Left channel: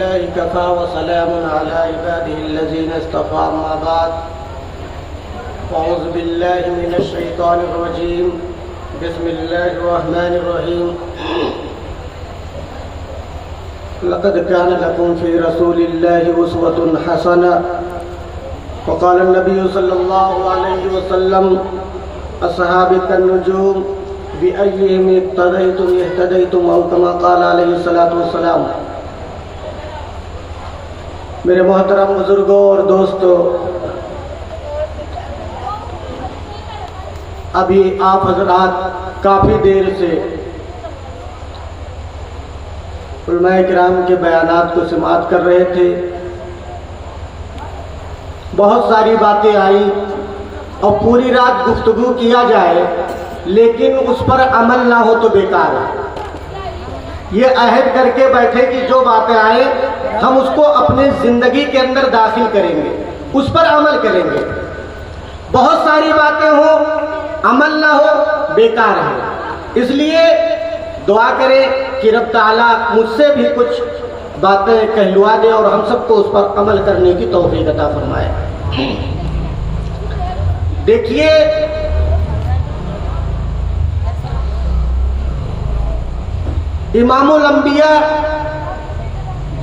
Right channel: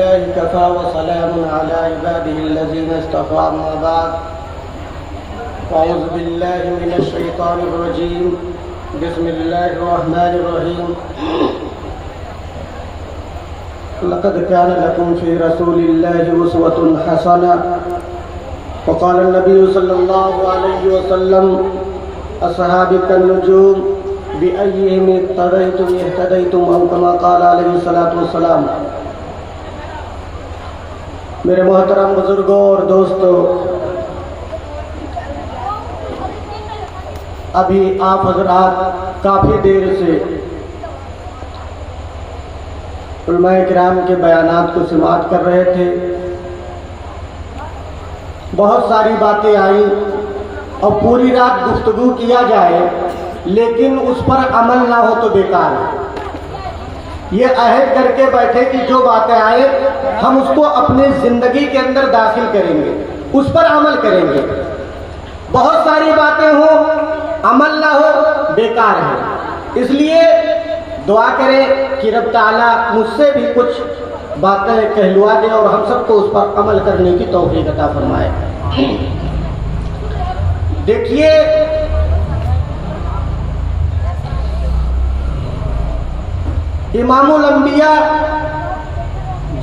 बिल्लाहि कफ़ा व सलामुन अला इबादिहिल्लज़ीना इस्तफ़ा अम्मा बाद अऊज़ु बिल्लाहि मिनश शैतानिर रजीम बिस्मिल्लाहिर रहमानिर रहीम लक़द कान लकुम फ़ी रसूलिल्लाहि उस्वतुन हसना फ़क़ाल नबी सल्लल्लाहु अलैहि वसल्लम अस्हाबी कन्नुजूम बिअय्यिहिम इक़्तदयतुम इह्तदयतुम औ कमा क़ाल अलैहि सलातु वस्सलाम। मेरे मोहतरम बुजुर्गों और दोस्तों, अभी आप हजरात काफ़ी देर से उलमाए किराम के बयानात को समाअत कर रहे थे। बहुत सारी बातें आई और पूरी रात गुफ्तगू किया जाए लेकिन उस पर अमल ना हो तो बेकार है। ये अहद करके बैठे कि जो बातें आए हम उसको अपनी जिंदगी के अंदर दाखिल करेंगे, उस पर अमल करेंगे। बहुत सारी बातें हो अमल ना हो बेकार है। इसलिए दुआ करें कि रब ताला मुझसे भी कुछ बातें कहलवा दे और हम सबको उस पर अमल करने की तौफीक अता फरमाए। देखिए, इमामुल अंबिया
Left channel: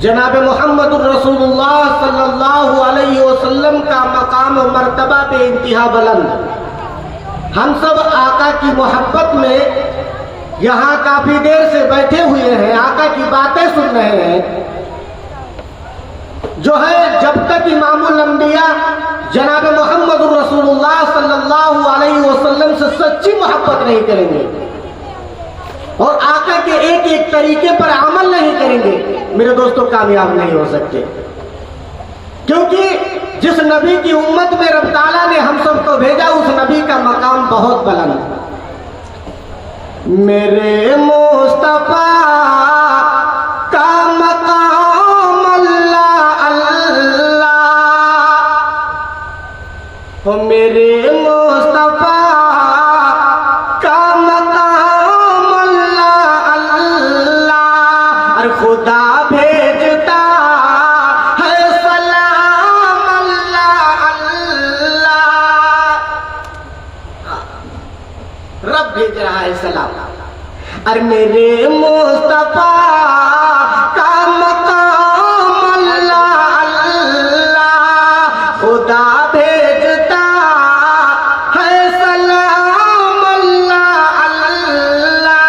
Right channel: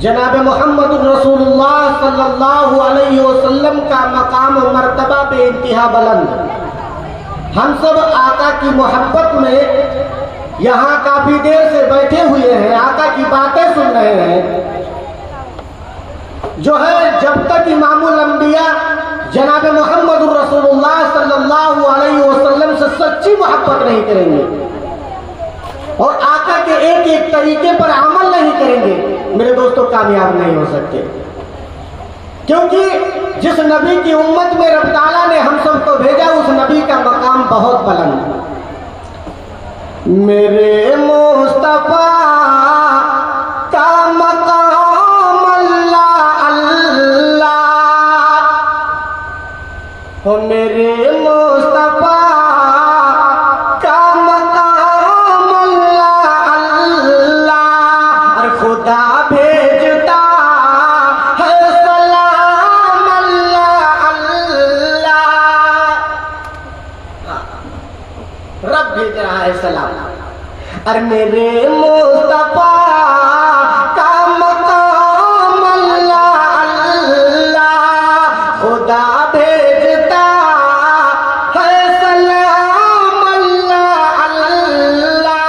जनाब मोहम्मद रसूलुल्लाह सल्लल्लाहु अलैहि वसल्लम का मकाम और मर्तबा बेइंतहा बुलंद। हम सब आका की मोहब्बत में यहाँ काफी देर से बैठे हुए हैं, आका की बातें सुन रहे हैं। जो है जब तक इमामुल अंबिया जनाब मोहम्मद रसूलुल्लाह सल्लल्लाहु अलैहि वसल्लम से सच्ची मोहब्बत नहीं करेंगे और आका के एक एक तरीके पर अमल नहीं करेंगे, मेरे दोस्तों कामयाब नहीं हो सकते। क्योंकि जिस नबी की उम्मत में रब ताला ने हम सबको भेजा उस नबी का मकाम बहुत बुलंद है। मेरे मुस्तफा का मकाम अल्लाह अल्लाह, मेरे मुस्तफा का मकाम अल्लाह अल्लाह, खुदा भेजता है सलाम अल्लाह अल्लाह। रब भेज रहा है सलाम। अरे मेरे मुस्तफा का मकाम अल्लाह अल्लाह, खुदा भेजता है सलाम अल्लाह अल्लाह।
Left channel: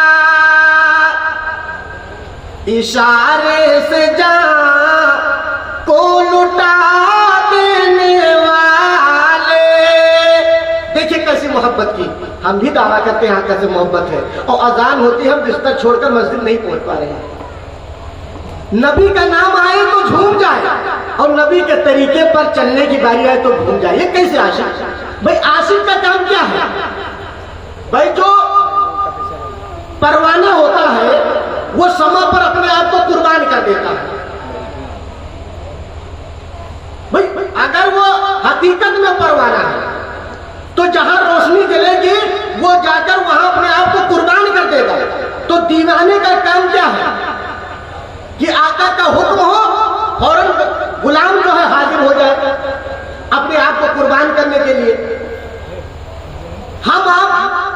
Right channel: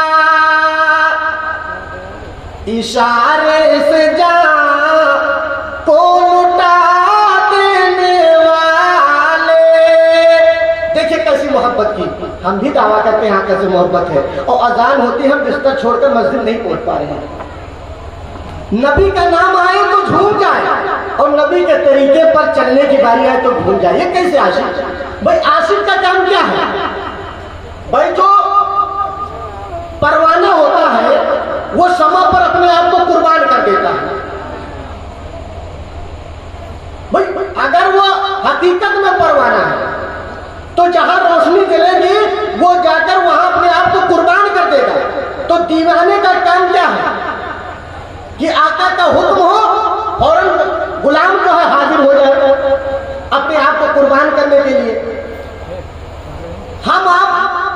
इशारे से जा को लुटा देने वाले। देखिए कैसी मोहब्बत की, हम भी दावा करते हैं कैसे मोहब्बत है। और अजान होती है, हम बिस्तर छोड़कर मस्जिद नहीं पहुंच पा रहे हैं। नबी का नाम आए तो झूम जाए और नबी के तरीके पर चलने की बारी आए तो भूल जाए। ये कैसे आशिक? भाई आशिक का काम क्या है? भाई जो परवाना होता है वो समय पर अपने आप को कुर्बान कर देता है। भाई अगर वो हकीकत में परवाना है तो जहां रोशनी जलेगी वो जाकर वहां अपने आप को कुर्बान कर देगा। तो दीवाने का काम क्या है कि आका का हुक्म हो फौरन गुलाम जो है हाजिर हो जाए अपने आप को कुर्बान करने के लिए। हम आप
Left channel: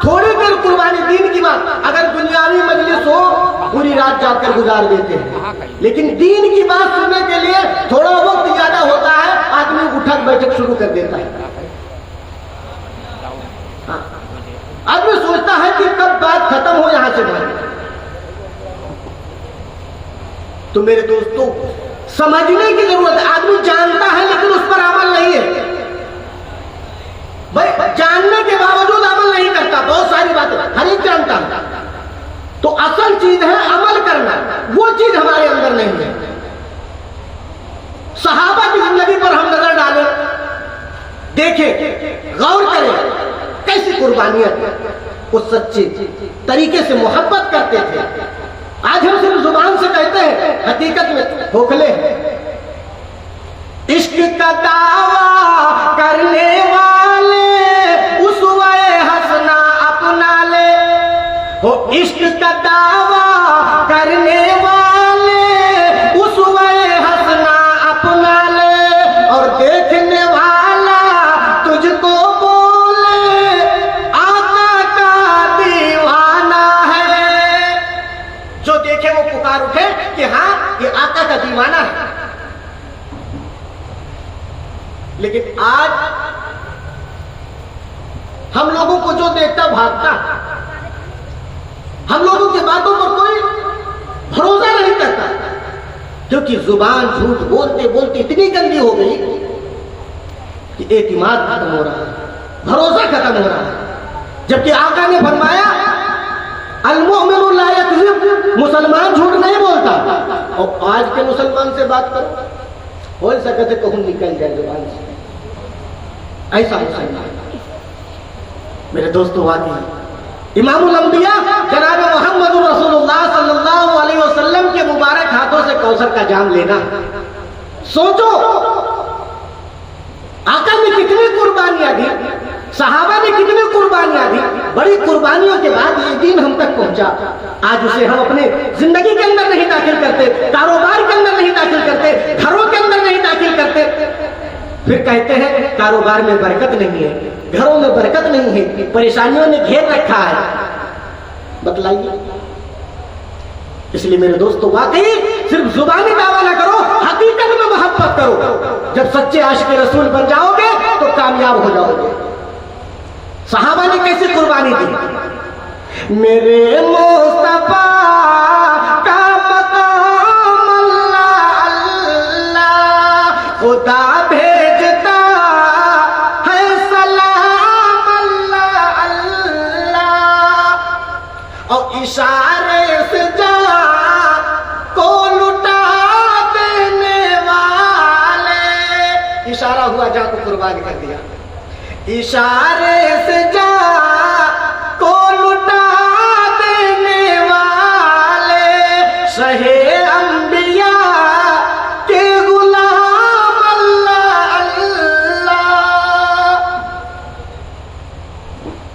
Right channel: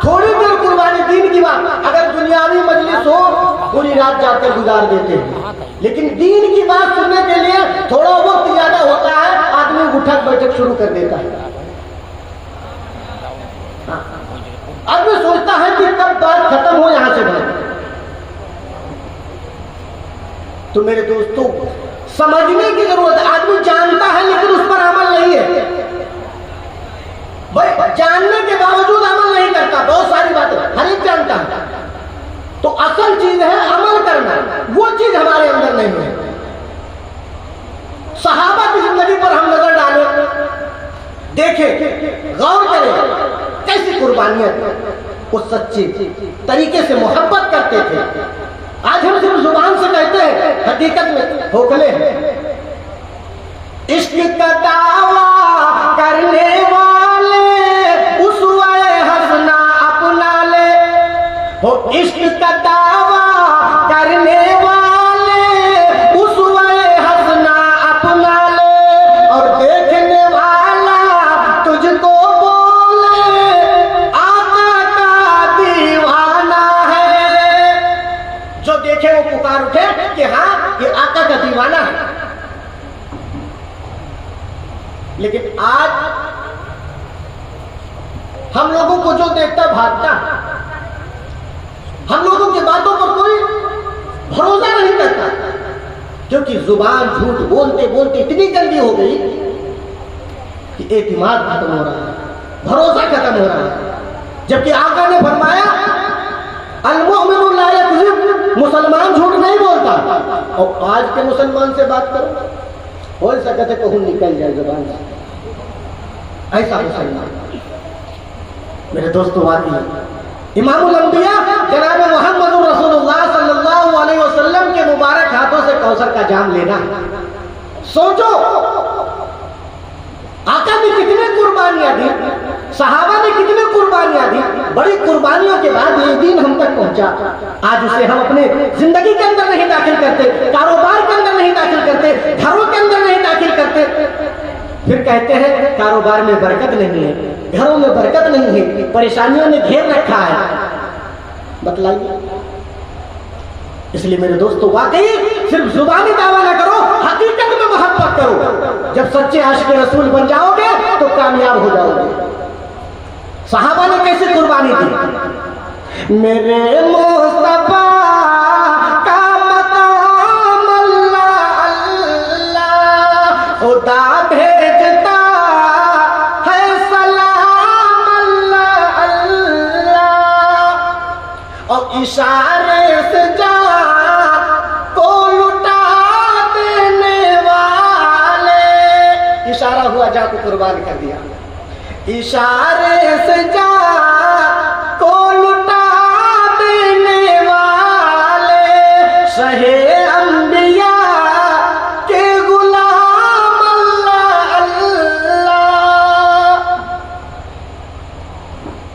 थोड़ी देर कुर्बानी, दीन की बात, अगर दुनियावी मजलिस हो पूरी रात जाकर गुजार देते हैं, लेकिन दीन की बात सुनने के लिए थोड़ा वक्त ज्यादा होता है, आदमी उठक बैठक शुरू कर देता है। आदमी सोचता है कि कब बात खत्म हो यहां से भाई। तो मेरे दोस्तों समझने की जरूरत है। आदमी जानता है लेकिन उस पर अमल नहीं है। भाई जानने के बावजूद अमल नहीं करता, बहुत सारी बातें हर एक जानता है। तो असल चीज है अमल करना, वो चीज हमारे अंदर नहीं है। सहाबा की जिंदगी पर हम नजर डालें, देखें, गौर करें कैसी कुर्बानियां वो सच्ची तरीके से मोहब्बत करते थे। आज हम सिर्फ जुबान से कहते हैं, हकीकत में खोखले हैं। इश्क का दावा करने वाले उसवे हंसना अपना ले हो। इश्क का दावा करने वाले उसवे जमाना है। लेकिन आज हम लोगों को जो देखता भागता, हम लोगों की बातों पर कोई भरोसा नहीं करता, क्योंकि जुबान झूठ बोलते बोलते इतनी गंदी हो गई कि एतिमाद खत्म हो रहा है, भरोसा खत्म हो रहा है। जबकि आका ने फरमाया अल-मुअमिनु ला यकज़िब, मुसलमान झूठ नहीं बोलता। और आज के मुसलमान से बात करो, हो सकता है कहूं निकल जाए जुबान से, ऐसा मुसलमान। मेरे दोस्तों, वाकई इमामुल अंबिया जनाब मोहम्मद रसूलुल्लाह सल्लल्लाहु अलैहि वसल्लम के मुबारक हाथों से कौसर का जाम लेना, सोचो आका ने कितनी कुर्बानियां दी, सहाबा ने कितनी कुर्बानियां दी, बड़ी कुर्बानियों के बाद ये दिन हम तक पहुंचा। आज उसे हम अपने जिंदगी के अंदर नहीं दाखिल करते, कारोबार के अंदर नहीं दाखिल करते, घरों के अंदर नहीं दाखिल करते। फिर कहते हैं कारोबार में बरकत नहीं है, घरों में बरकत नहीं है, परेशानियों ने घेर रखा है। बतलाइए। इसलिए मेरे दोस्तों, वाकई सिर्फ जुबानी दावा न करो, हकीकत में मोहब्बत करो। जब सच्चे आशिक रसूल बन जाओगे तो कामयाब हो जाओगे। सहाबा ने कैसे कुर्बानी दी? मेरे मुस्तफा का मकाम अल्लाह अल्लाह, खुदा भेजता है सलाम अल्लाह अल्लाह, और इशारे से जा को लुटा देने वाले, इशारा हुआ जा को कुर्बान कर दिया, इशारे से जा को लुटा देने वाले, शहे अंबिया के गुलाम अल्लाह अल्लाह,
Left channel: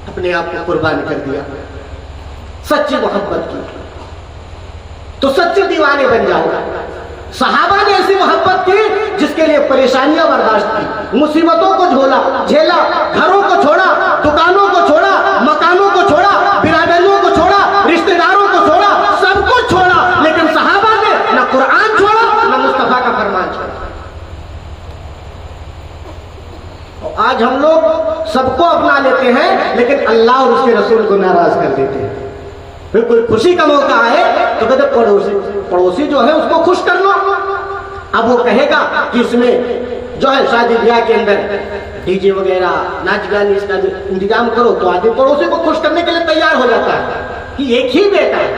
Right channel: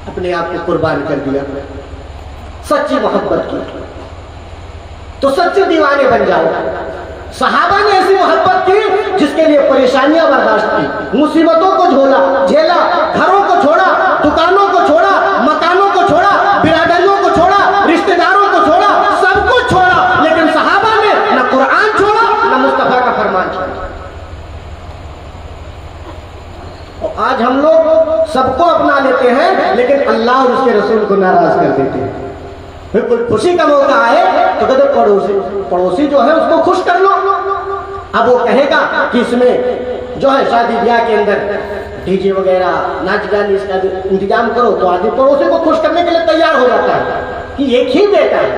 अपने आप को कुर्बान कर दिया सच्ची मोहब्बत की। तो सच्चे दीवाने बन जाओ। सहाबा ने ऐसी मोहब्बत की जिसके लिए परेशानियां बर्दाश्त की, मुसीबतों को झेला, घरों को छोड़ा, दुकानों को छोड़ा, मकानों को छोड़ा, बिरादरियों को छोड़ा, रिश्तेदारों को छोड़ा, सब कुछ छोड़ा, लेकिन सहाबा ने न कुरान छोड़ा न मुस्तफा का फरमान छोड़ा। और आज हम लोग सबको अपना लेते हैं, लेकिन अल्लाह और उसके रसूल को नाराज कर देते हैं। फिर कोई खुशी का मौका आए तो कहते पड़ोसी जो है उसको खुश कर लो। अब वो कहेगा कि इसमें जो है शादी ब्याह के अंदर डीजे वगैरह नाच गाने इसका इंतजाम करो, तो आदमी पड़ोसी को खुश करने के लिए तैयार हो जाता है कि एक ही बेटा है।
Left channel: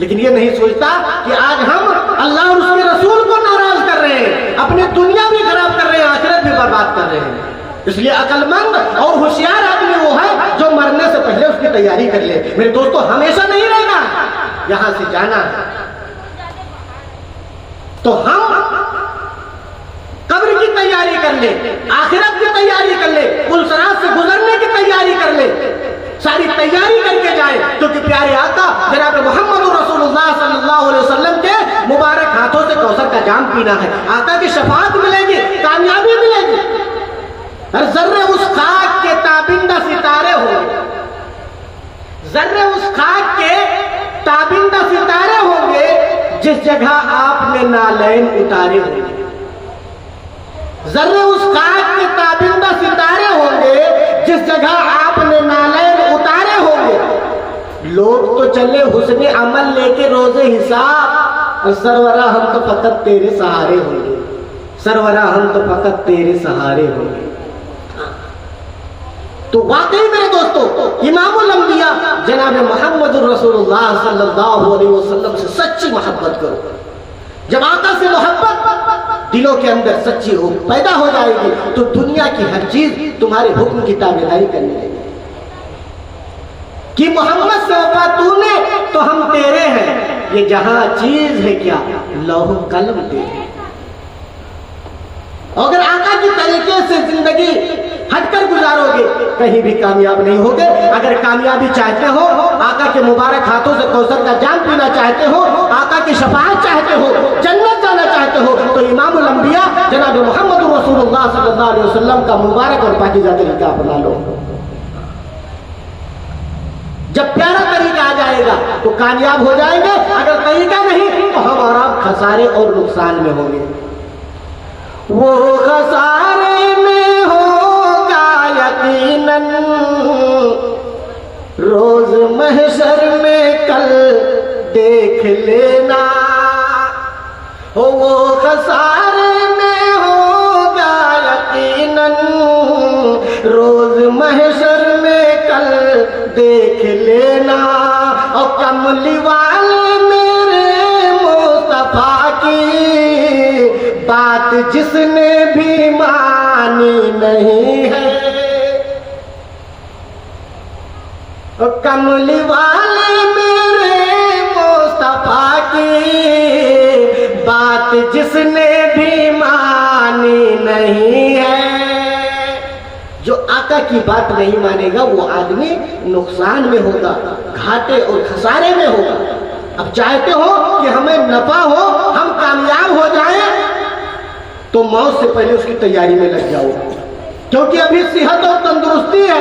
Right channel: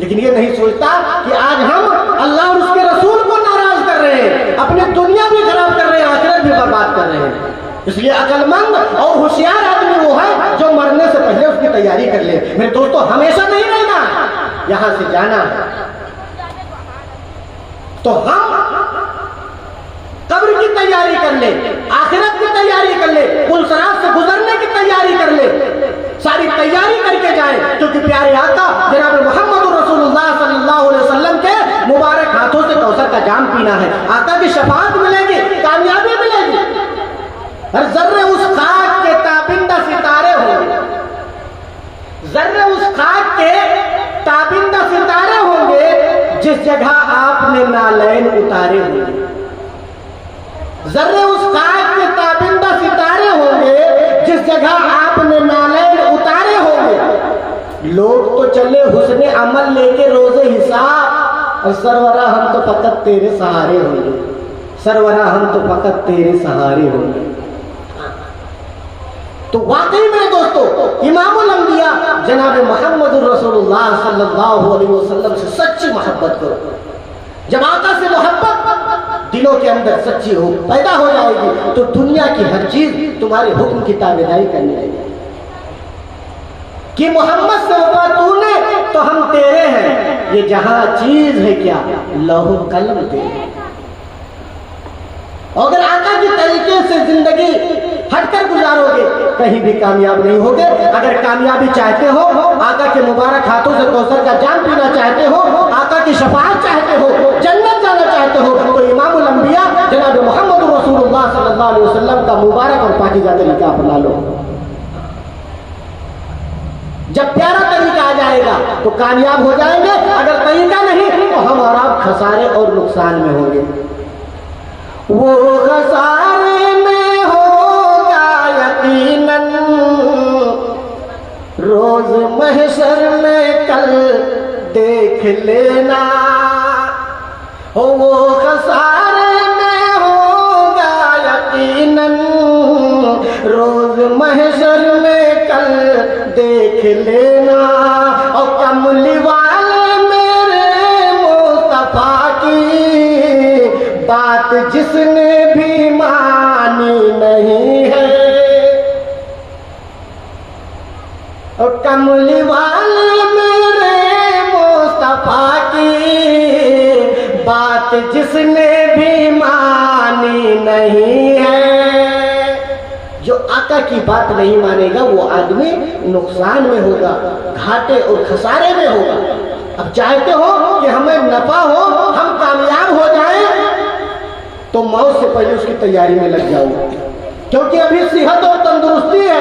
लेकिन ये नहीं सोचता कि आज हम अल्लाह और उसके रसूल को नाराज कर रहे हैं, अपनी दुनिया भी खराब कर रहे हैं, आखिरत भी बर्बाद कर रहे हैं। इसलिए अकलमंद और होशियार आदमी वो है जो मरने से पहले उसकी तैयारी कर ले। मेरे दोस्तों, हमेशा नहीं रहेगा, यहां से जाना है, तो हम कब्र की तैयारी कर ले, आखिरत की तैयारी कर ले, पुलसरात से गुजरने की तैयारी कर ले, सारी तैयारी करके जाए, क्योंकि प्यारे आका जनाब मोहम्मद रसूलुल्लाह सल्लल्लाहु अलैहि वसल्लम के मुबारक हाथों से कौसर का जाम पीना है। आका की शफाअत मिलेगी, कामयाबी मिलेगी। हर जर्रे उस खाक के ताबिंदा सितारे होंगे, जर्रे उस खाक के ताबिंदा सितारे होंगे जिस जगह आपने नालैन उतारे होंगे। जर्रे उस खाक के ताबिंदा सितारे होंगे जिस जगह आपने नालैन उतारे होंगे। लोग तो चले हुस्ने अमल लेके रोजे हिसाब, और सरवरा हम तो फकत तेरे सहारे होंगे, सरवरा हम तो फकत तेरे सहारे होंगे। तो वाकई मेरे दोस्तों, इमामुल अंबिया जनाब मोहम्मद रसूलुल्लाह सल्लल्लाहु अलैहि वसल्लम से सच्ची मोहब्बत करो। जब आका से मोहब्बत दिलों के अंदर सच्ची हो पैदा हो जाएगी, तो दुनिया की हर चीज तुम्हारे हुक्म की ताबेदारी करने लगेगी। कि मोहम्मद से वफा तूने तो हम तेरे हैं, ये जहां चीज है क्या लौह कलम तेरे। अगर आका के तरीके से जिंदगी हटकर गुजारोगे कहीं भी कामयाब नहीं होगे। अगर कामयाबी चाहते हो, आका के मुबारक हाथों से कौसर का जाम पीना चाहते हो, आका की शफाअत चाहते हो, जन्नत जाना चाहते हो, तो इमामुल अंबिया जनाब मोहम्मद रसूलुल्लाह सल्लल्लाहु अलैहि वसल्लम का मुबारक और पाकीज़ा तरीका अपना लो। जब प्यारा तरीका आ जाएगा तो कामयाब हो जाएंगे, अगर तरीका नहीं तो हम और आप खसारे और नुकसान में होंगे। वो खसारे में होगा यकीनन रोज महशर में कल देख लेना। हो वो खसारे में होगा यकीनन रोज महशर में कल देख लेना। और कमली वाले मेरे मुस्तफा की बात जिसने भी मानी नहीं है। और कमली वाले मेरे मुस्तफा की बात जिसने भी मानी नहीं है। जो आका की बात नहीं मानेगा वो आदमी नुकसान में होगा, घाटे और खसारे में होगा। अब चाहते हो कि हमें नफा हो, हम कामयाब हो जाएं, तो मौत से पहले उसकी तैयारी में लग जाओ, क्योंकि अभी सेहत और तंदुरुस्ती है।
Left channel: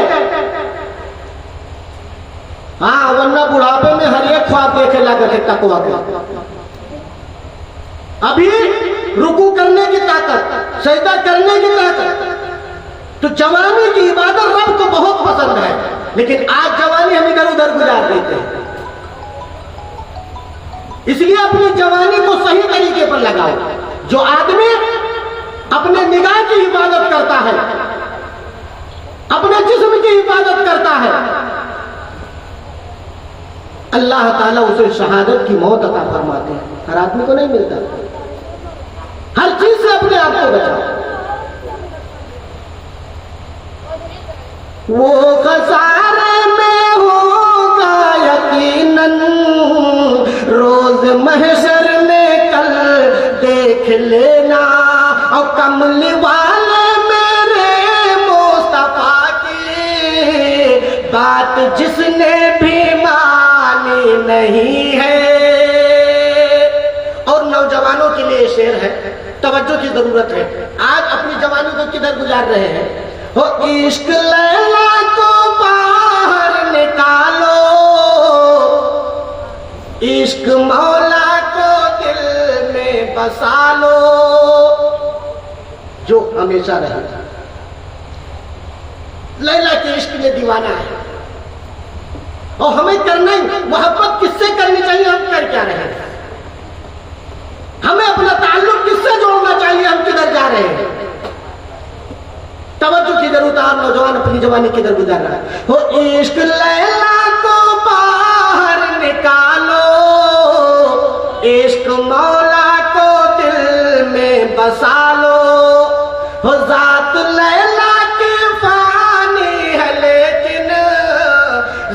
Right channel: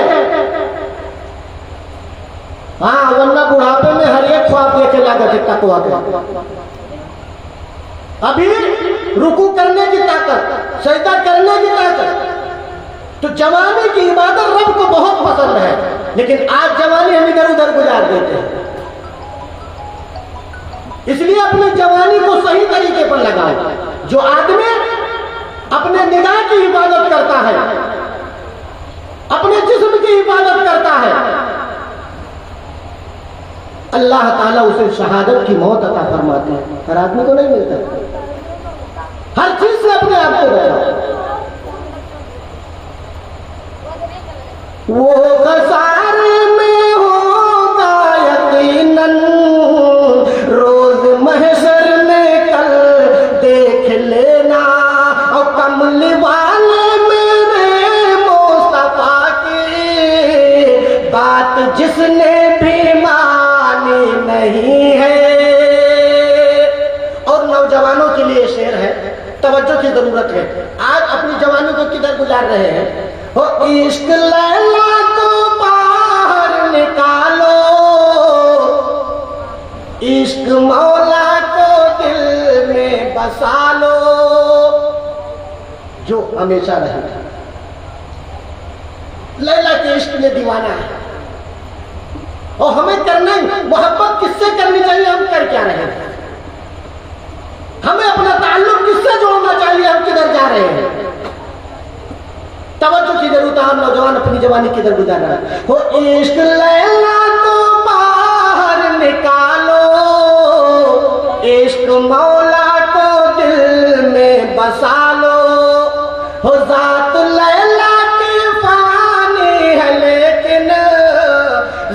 हाँ, वरना बुढ़ापे में हर एक ख्वाब देखे लागत है तकवा का। अभी रुकू करने की ताकत, सजदा करने की ताकत, तो जवानी की इबादत रब को बहुत पसंद है, लेकिन आज जवानी हम इधर उधर गुजार देते हैं। इसलिए अपनी जवानी को सही तरीके पर लगाओ। जो आदमी अपने निगाह की इबादत करता है, अपने जिस्म की इबादत करता है, अल्लाह ताला उसे शहादत की मौत अता फरमाते हैं। हर आदमी को नहीं मिलता। हर चीज से अपने आप को बचाओ। वो खसारे में होगा यकीनन रोज महशर में कल देख लेना। और कमली वाले मेरे मुस्तफा की बात जिसने भी मानी नहीं है। और नौजवानों के लिए शेर है, तवज्जो की जरूरत है। आज अपनी जवानी को किधर गुजार रहे हैं? हो इश्क लैला को बाहर निकालो, इश्क मौला को दिल में बसा लो, जो हमेशा रहेगा। लैला के इश्क में दीवाना है, और हमें करना मोहब्बत किससे करनी चाहिए, हम कर क्या रहे हैं? हमें अपना ताल्लुक किससे जोड़ना चाहिए, हम किधर जा रहे हैं? तवज्जो की जरूरत है। नौजवान अपनी जवानी किधर गुजार रहा है? वो इश्क लैला को बाहर निकालो, इश्क मौला को दिल में बसा लो। हो जात लैला की फानी है, लेकिन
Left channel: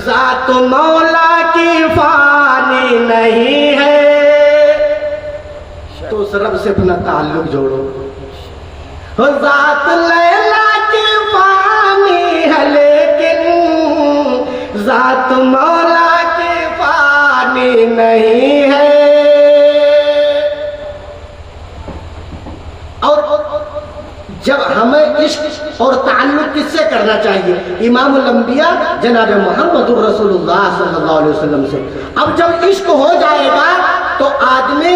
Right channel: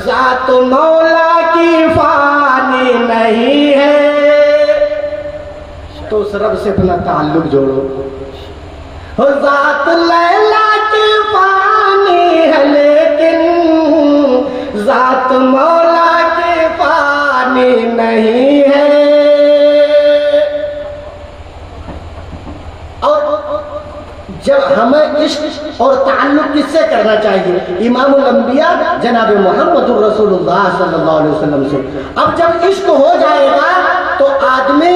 जात मौला की फानी नहीं है। तो उस रब से अपना ताल्लुक जोड़ो। हो जात लैला की फानी है, लेकिन जात मौला की फानी नहीं है। और जब हमें इश्क और ताल्लुक किससे करना चाहिए? इमामुल अंबिया जनाब मोहम्मद रसूलुल्लाह सल्लल्लाहु अलैहि वसल्लम से। अब जब इश्क हो जाएगा तो आदमी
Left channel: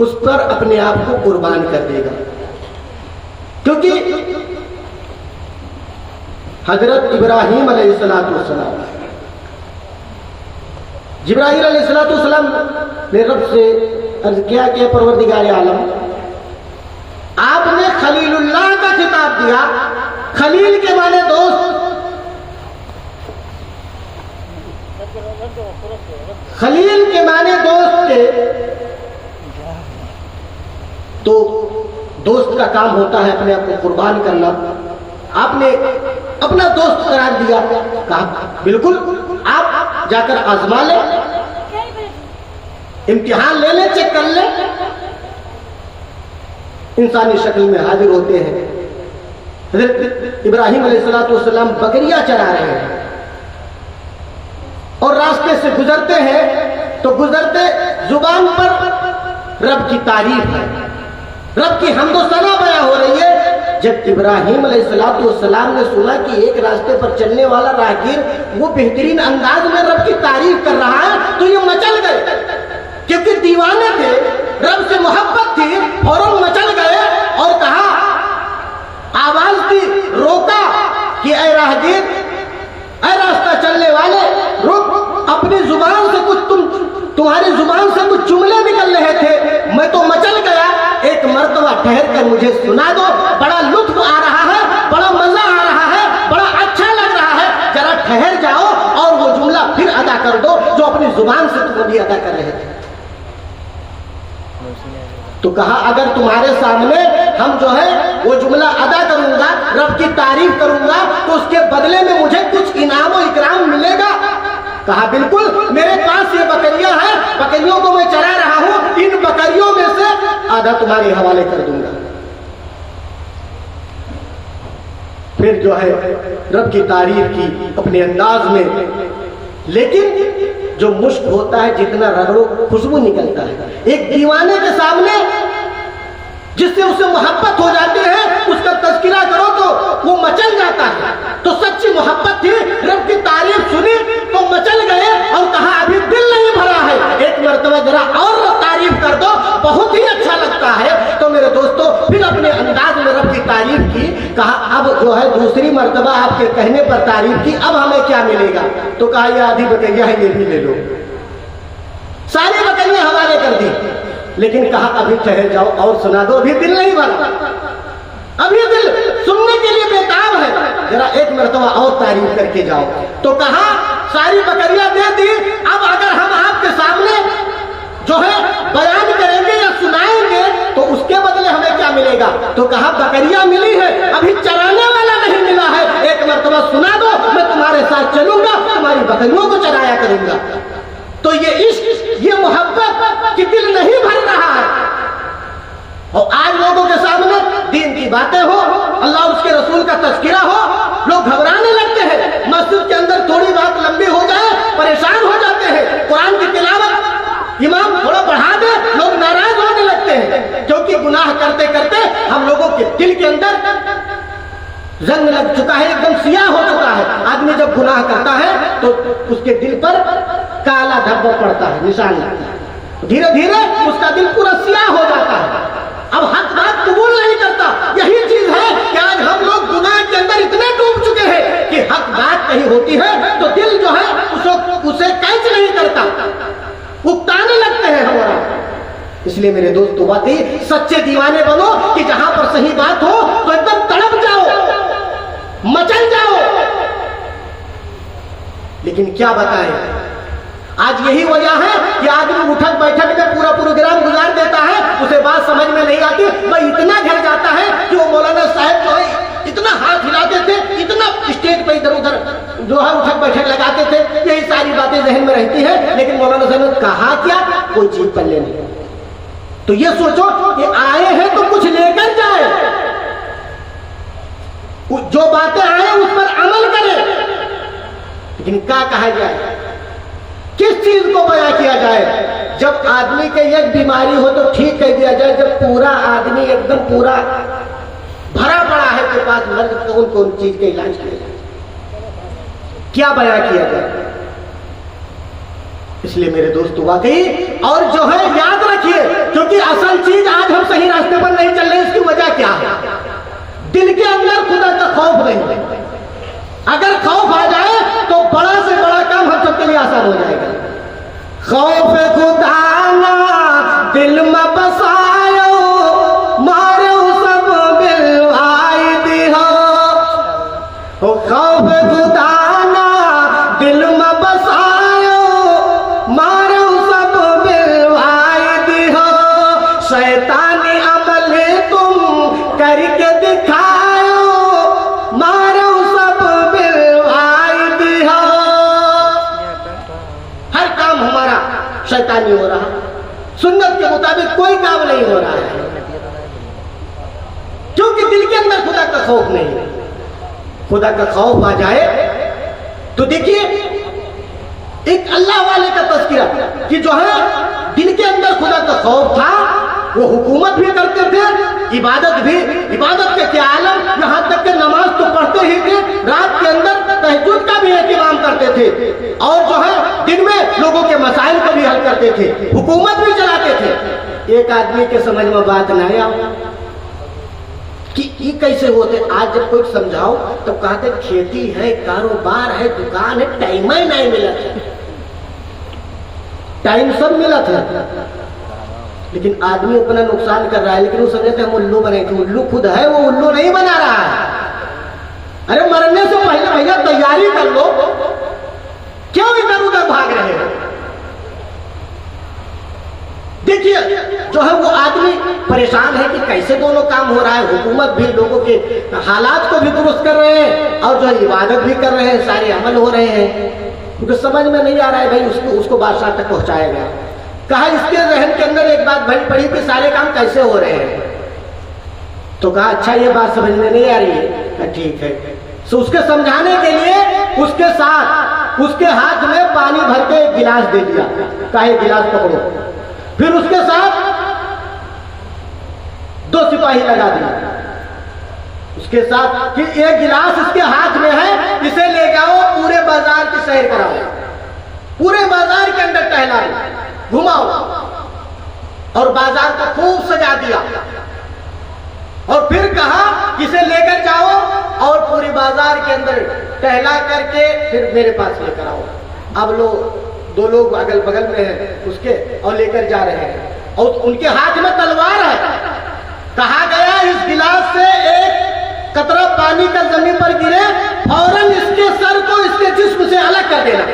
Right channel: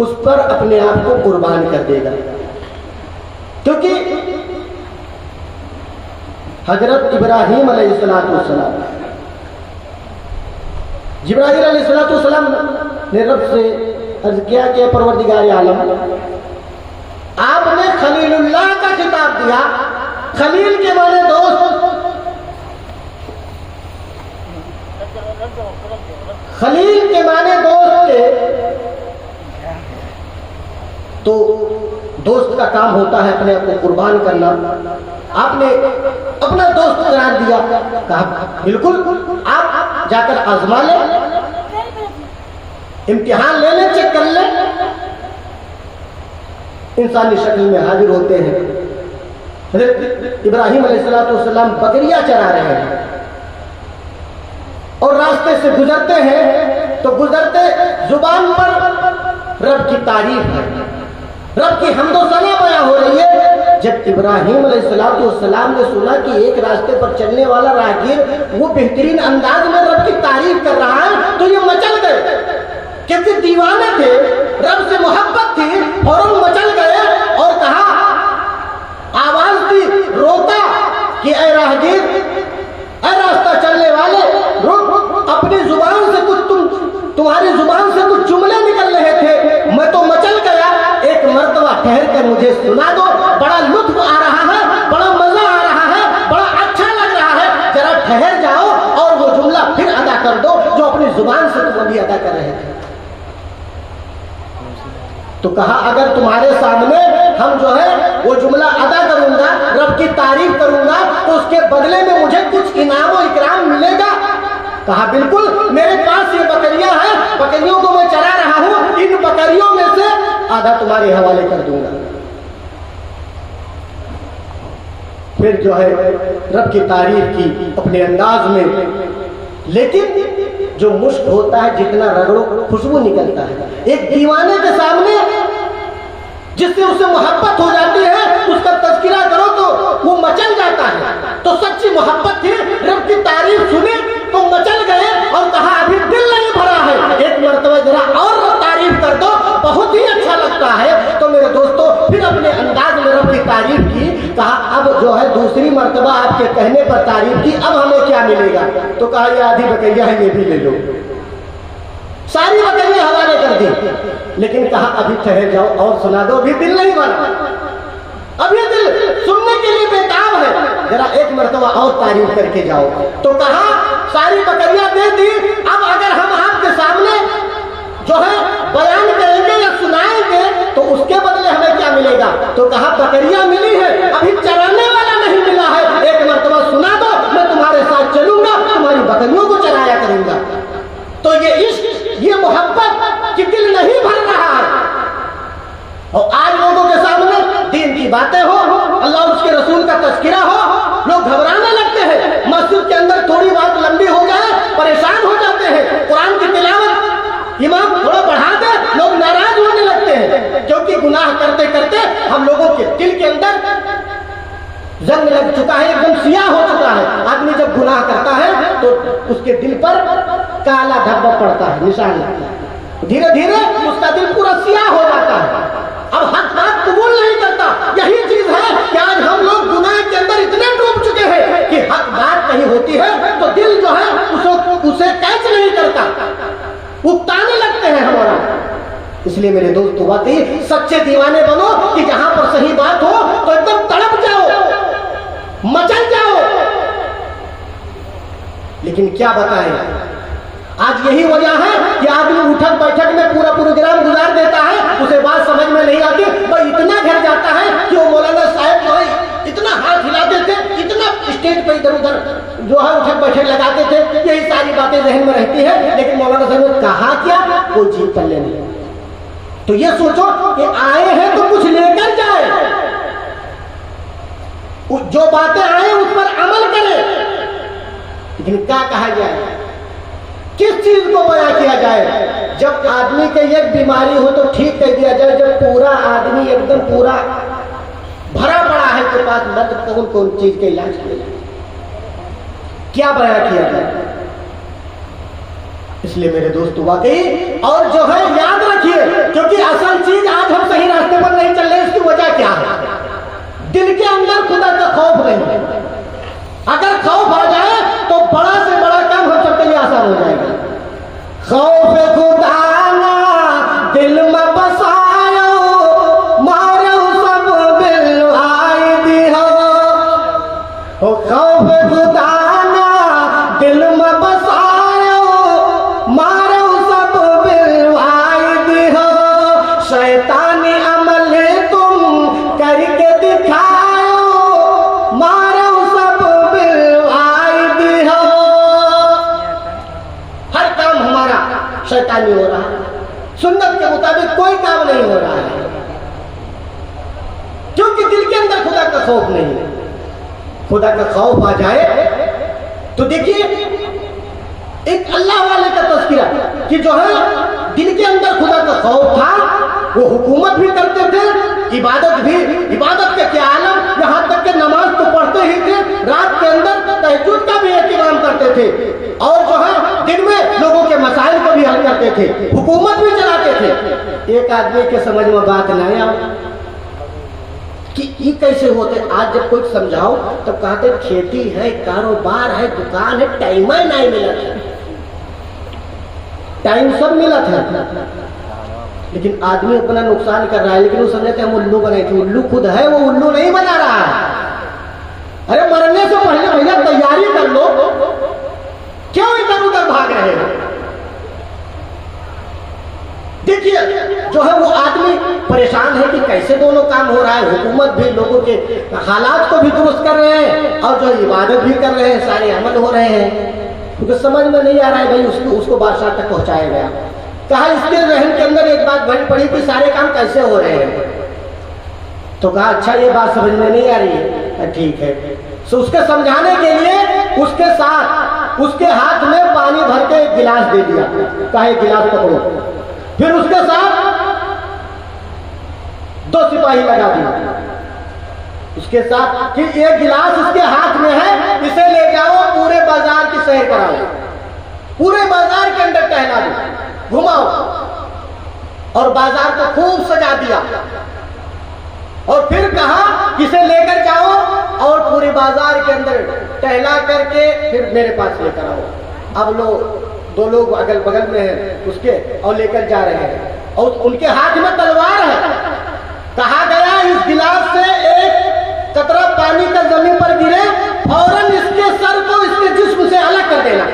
उस पर अपने आप को कुर्बान कर देगा, क्योंकि हजरत इब्राहिम अलैहिस्सलाम, जिब्राइल अलैहिस्सलाम ने रब से अर्ज किया कि परवरदिगार आलम, आपने खलीलुल्लाह का खिताब दिया। खलील के माने दोस्त, खलील के माने दोस्त थे। तो दोस्त का काम होता है अपने आप को कुर्बान करना। आपने अपना दोस्त करार दिया, कहा बिल्कुल आप जाकर आजमा ले, इम्तिहान ले ले, चेक कर ले। इंसानी शक्ल में हाजिर होते हैं। हज़रत इब्राहिम अलैहिस्सलाम बकरियां चरा रहे हैं और रास्ते से गुजरते हैं, तो गुजरते जुबान पर रब की तारीफ है, रब की हम्दो सना बयां हो रही है। जब इब्राहिम अलैहिस्सलाम ने सुना कि एक रास्ते पर चलने वाला राहगीर वो बेहतरीन अंदाज में रब की तारीफ कर रहा है, तो ये मचल गए, क्योंकि दीवाने थे। तो कहा अगर तुम्हारे सामने हम जो है वो जुमला अदा करूंगा, रब की तारीफ करूंगा, तो उसके बदले में मुझे कुछ इनाम और इकराम मिलेगा? कहा बिल्कुल, मेरे पास ये बकरियां हैं, बकरियों को मैं चरा रहा हूं, इन बकरियों में से आधा तुम्हारे हवाले कर दूंगा। फिर जो है रब की तारीफ की अपने अंदाज में, लेकिन जो मुश्क होता है जितना रगड़ो खुशबू निकलता है। एक दीवाने के सामने जिससे उसे मोहब्बत हो जाती है, उसका तज़किरा करो तो वो मचल जाता है। तो सच्ची मोहब्बत थी, रब की तारीफ सुनी तो मचल गए और कहा अभी दिल नहीं भरा है, एक मर्तबा जरा और तारीफ कर दो, बहुत ही अच्छा लगता है। तो मेरे दोस्तों फिर अपने अंदाज में रब की तारीफ की। कहा अब जो है दूसरी मर्तबा आपके कहने पर तारीफ की, अब हमें क्या मिलेगा? तो कहा ये आधी बकरियां है, ये भी ले लो। सारी बकरियां हवाले कर दी, लेकिन कहा अभी ठहर जाओ और सुना दो, अभी दिल नहीं भरा, अभी दिल सुनने के लिए बेताब है, जरा एक मर्तबा और तारीफ करके जाओ। तो कहा सारी बकरियां दे दी, अब अगर हम आपके सामने जो है बयान करेंगे या सुनाएंगे तो उसके बदले हमें क्या मिलेगा? तो कहा बकरियां मिली है, अभी चराने वाला नहीं मिला है, एक मर्तबा सुना दो, मैं तुम्हारे साथ चलूंगा, तुम्हारी बकरियों को चराया करूंगा। तो ये इश्क, ये मोहब्बत कि दिल नहीं भर रहा है। और आज लोगों के सामने दीन की बातें हो, अल्लाह उसके रसूल का तज़किरा हो, लोग घबराने लगते हैं। मस्जिद के अंदर थोड़ी बात लंबी हो जाए परेशान हो जाते हैं। कुरान की तिलावत इमाम थोड़ा बढ़ा दे, लोग नाराज होने लगते हैं, क्योंकि गुनाह करते करते हम लोगों के दिल के अंदर जंग लग चुका है, एकदम सियाह हो चुका है। आदमी जब गुनाह करता है तो उसके दिल पर काला धब्बा पड़ता है, निशान लगता है, धीरे धीरे उसका दिल पूरा सियाह हो जाता है। अब हक बात कबूल नहीं करता। यही चीज है कि आज हम लोग गुनाह के अंदर इतने डूब चुके हैं कि हक बात नहीं होती है तो दिल जो है उसे कैच नहीं करता, उकताने लगते हैं हमारा। इसलिए मेरे दोस्तों वाकई सच्चे दीवाने बनो कि जहां पर सही बात हो तो एकदम तड़प जाओ, मचल जाओ। लेकिन क्या बताएं, आज यही वजह है कि आदमी उठक बैठक में पूरा प्रोग्राम गुजार देता है, उसे बात समझ में नहीं आती, वह इतना घिर जाता है कि वो मौलाना साहब जो इतना हाथ हिलाते थे, इतना स्टेज पे इधर उधर जो है उठक बैठक लगाते थे, यही सारी बातें जहन में रहती है, लेकिन मौलाना साहब ने कहा क्या, कोई चीज पल्ले नहीं। तो ये सोचो कि आए हैं तो कुछ लेकर जाए, जो बातें आए उस पर अमल करें। लेकिन क्या कहा जाए, किस चीज को बयां किया जाए? जब आदमी के एक बीमारी हो तो ठीक कह दिया जाए, जब पूरा आदमी एकदम पूरा भरा पड़ा है के पास मर्द कौन कौन चीज के इलाज किया, क्या बयां किया जाए? इसलिए मेरे दोस्तों वाकई और जो है याद रखिए, क्योंकि असल चीज आज हम सही रास्ते पर नहीं चल रहे, इसकी वजह क्या है? दिल के अंदर खुदा का खौफ नहीं है। अगर खौफ आ जाए तो बड़ा से बड़ा काम हम सबके लिए आसान हो जाएगा। खौफ खुदा ना दिल में बसायो, मारो सब बिलवाई दिहो। खौफ खुदा ना दिल में बसायो, मारो सब बिलवाई दिहो। शैतानी अमल तुम करके दिखाओ, मारो सब बिलवाई दिहो। हर काम हमारा शैतानी हो रहा है, सुन्नत के मुताबिक कोई काम नहीं हो रहा है, क्योंकि दिल के अंदर खुदा का खौफ नहीं है। खुदा का खौफ आ जाए तो देखिए एक अल्लाह वाले का तज़किरा कि जो है दिल के अंदर खुदा का खौफ था, वो हुकूमत भी करते थे, इबादत भी, इबादत के क्या आलम, यहाँ तक कि नमाज तो पढ़ते ही थे, रात के अंदर तहज्जुद का भी एहतमाम करते थे, और जो है दिन में लोगों के मसाइल को भी हल करते थे, हुकूमत भी चलाते थे। एक आदमी के समझ में बात नहीं आई कि ये कैसे होते। आज जब कोई समझाओ तो कहते खेती है, कारोबार है, दुकान है, टाइम ही नहीं मिला। टाइम सब मिला था, लेकिन आदमी अपना नुकसान कर रहा है। लेकिन वो समझते हम उल्लू बने थे, उल्लू खुद है, वो उल्लू नहीं बना रहा है। अरे मरने से पहले भैया तैयारी कर लो, क्यों इधर उधर भाग रहे हो? देखिए जो है वो आदमी परेशान है कि कैसे दोनों काम हो रहा है। हुकूमत भी लोगों के हालात को भी दुरुस्त कर रहे हैं और जो इबादत भी कर रहे हैं, सारे अमल हो रहे हैं, क्योंकि समझ में नहीं आ रहा है भाई उसको बादशाह तक पहुंचाया गया। कहा इसके जहन के अंदर एक बात भरी पड़ी कि सारे काम कैसे हो रहे हैं। तो कहा अच्छा ये बात समझ में नहीं आ रही है, ठीक है। तो उसके समझाने के लिए उसके साथ उसके हाथ में पानी भर के एक गिलास दे दिया, कहा एक गिलास पकड़ो। फिर उसके साथ 2 सिपाही लगा दिया उसके साथ कि एक गिलास इसके हाथ में है, इसे ले जाओ पूरे बाजार की सैर कराओ, पूरे बाजार के अंदर टहला दो, घुमाओ, और बाजार को खूब सजा दिया। और फिर कहा इसे लेकर जाओ और पूरे बाजार के अंदर टहला करके फिर मेरे पास लेकर आओ। अब लोग 2 लोग अगल बगल में हैं उसके और लेकर जा रहे हैं और उनके हाथ में तलवार है। कहा गया इस गिलास से एक कतरा पानी का जमीन पर गिरे, फौरन इसके सर को इसके जिस्म से अलग कर देना।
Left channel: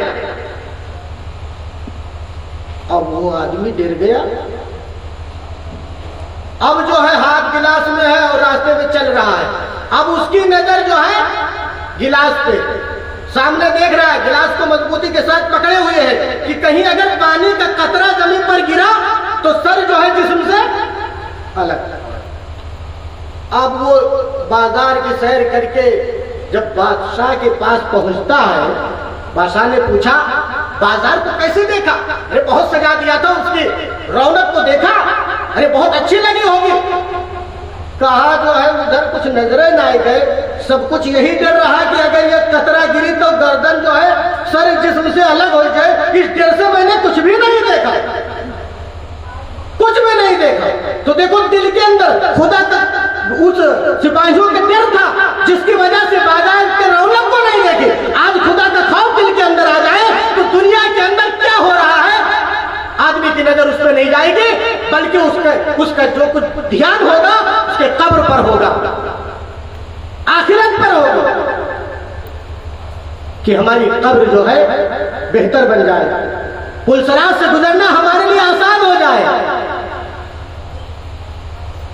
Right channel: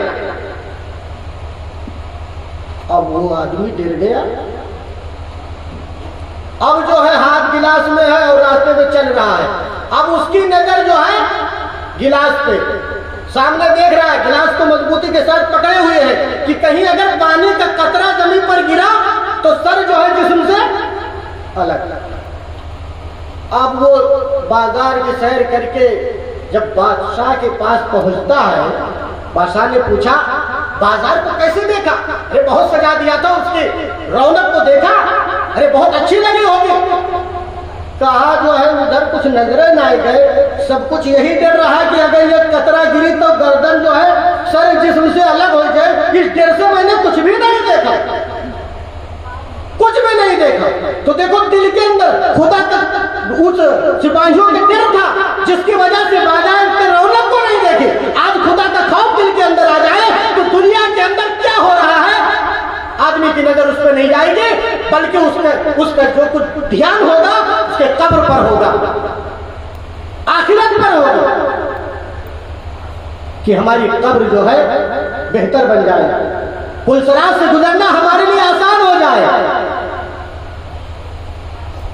अब वो आदमी डर गया। अब जो है हाथ गिलास में है और रास्ते में चल रहा है। अब उसकी नजर जो है गिलास पे, सामने देख रहा है, गिलास को मजबूती के साथ पकड़े हुए है कि कहीं अगर पानी का कतरा जमीन पर गिरा तो सर जो है जिस्म से अलग। अब वो बाजार की सैर करके जब बादशाह के पास पहुंचता है, बादशाह ने पूछा बाजार को कैसे देखा? अरे बहुत सजा दिया था, उसकी रौनक को देखा, अरे बहुत अच्छी लगी होगी। कहा जो है उधर कुछ नजरें ना गए, सब कुछ यही डर रहा कि अगर ये कतरा गिरी तो गर्दन जो है सर जिस्म से अलग हो जाए। इस डर से मैंने कुछ भी नहीं देखा, कुछ भी नहीं देखा। तो देखो दिल के अंदर खुदा तक उस सिपाहियों के डर था जिसकी वजह से बाजार के रौनक को नहीं देखे। आज खुदा का खौफ दिल के अंदर आ जाए तो दुनिया के अंदर क्या हो रहा है आदमी की नजर उस पर नहीं जाएगी, बल्कि उसका जो कुछ ध्यान होगा उसके कब्र पर होगा, आखिरत पर होगा, कि हमारी कब्र जो है बेहतर बन जाए, पुलसरात से गुजरना हमारे लिए आसान हो जाए।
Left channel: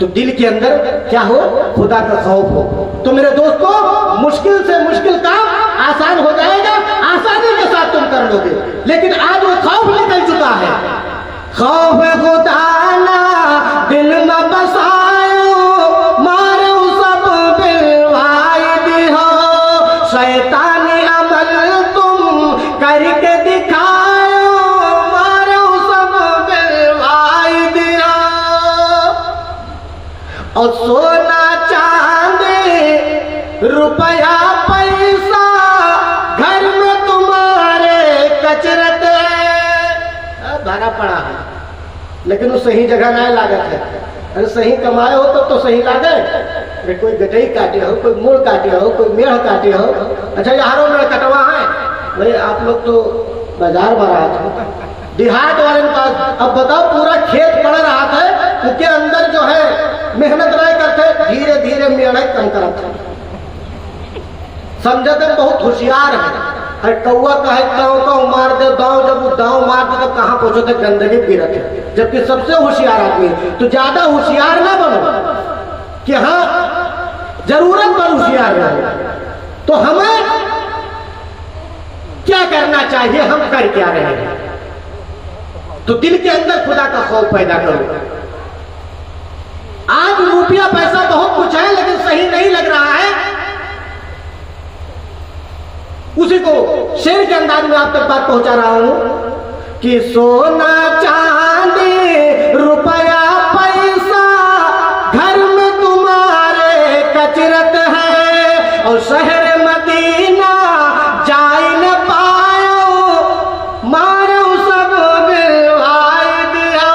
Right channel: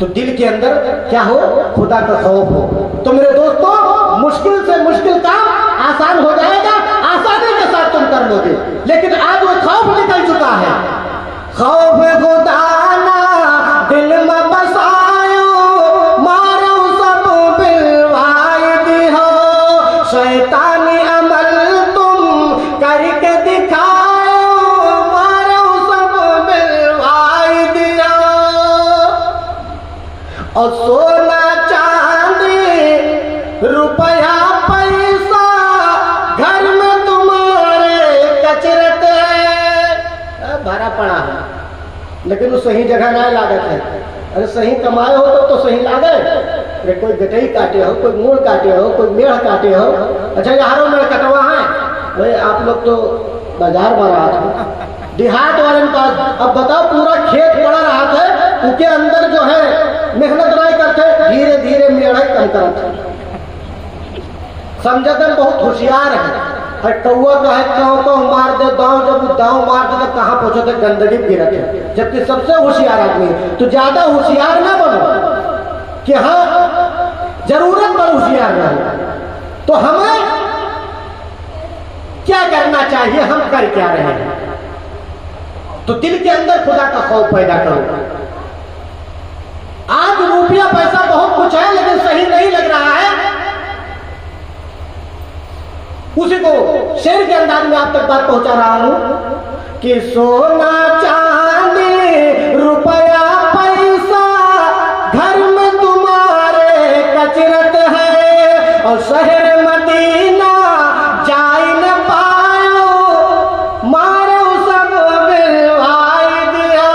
तो दिल के अंदर क्या हो? खुदा का खौफ हो। तो मेरे दोस्तों, मुश्किल से मुश्किल काम आसान हो जाएगा, आसानी के साथ तुम कर लोगे। लेकिन आज वो खौफ निकल चुका है। खौफ खुदा ना दिल में बसायो, मारो सब बिलवाए दिहो, शैतानी अमल तुम करके दिखायो, मारो सब बिलवाए दियो। और सोना चांदी रुपया पैसा घर में तुम्हारे कचरत भरा पड़ा है, लेकिन वो सही जगह ना लागत है। अरे सही कमाए हो तो सही लागे। अरे कोई गटई काटे हो, कोई मूड़ काटे हो, कोई मेढ़ काटे हो। अच्छा यारों में कटवा है भाई, आप लोग तो बाजार में रहा था, देहात वाले के पास। अब बताओ पूरा खेत पड़ा रहा था, उसके अंदर जो है मेहनत नहीं करते, धीरे धीरे मेढ़ कम करते, समझते बहुत होशियार है। कौआ का है काव मार दे दाव, जब वो दाव मार दे तो कहाँ पहुंचो थे गंदगी गिरत है, जबकि सबसे होशियार आदमी है। तो ज्यादा होशियार ना बनो कि हाँ जरूरत पर होशियार रहे। तो हमें क्या करना चाहिए, हम कर क्या रहे हैं? तो दिल के अंदर खुदा का खौफ पैदा करो। आज रुपया पैसा बहुत कुछ है लेकिन सही नहीं लग रहा है, उसी को शेर के अंदाज में आप तक बात पहुंचा रहा हूं कि सोना चांदी रुपया पैसा घर में तुम्हारे कचरत है, और शहर मदीना जाए न पायो, मारो सब बिलवाए दिया।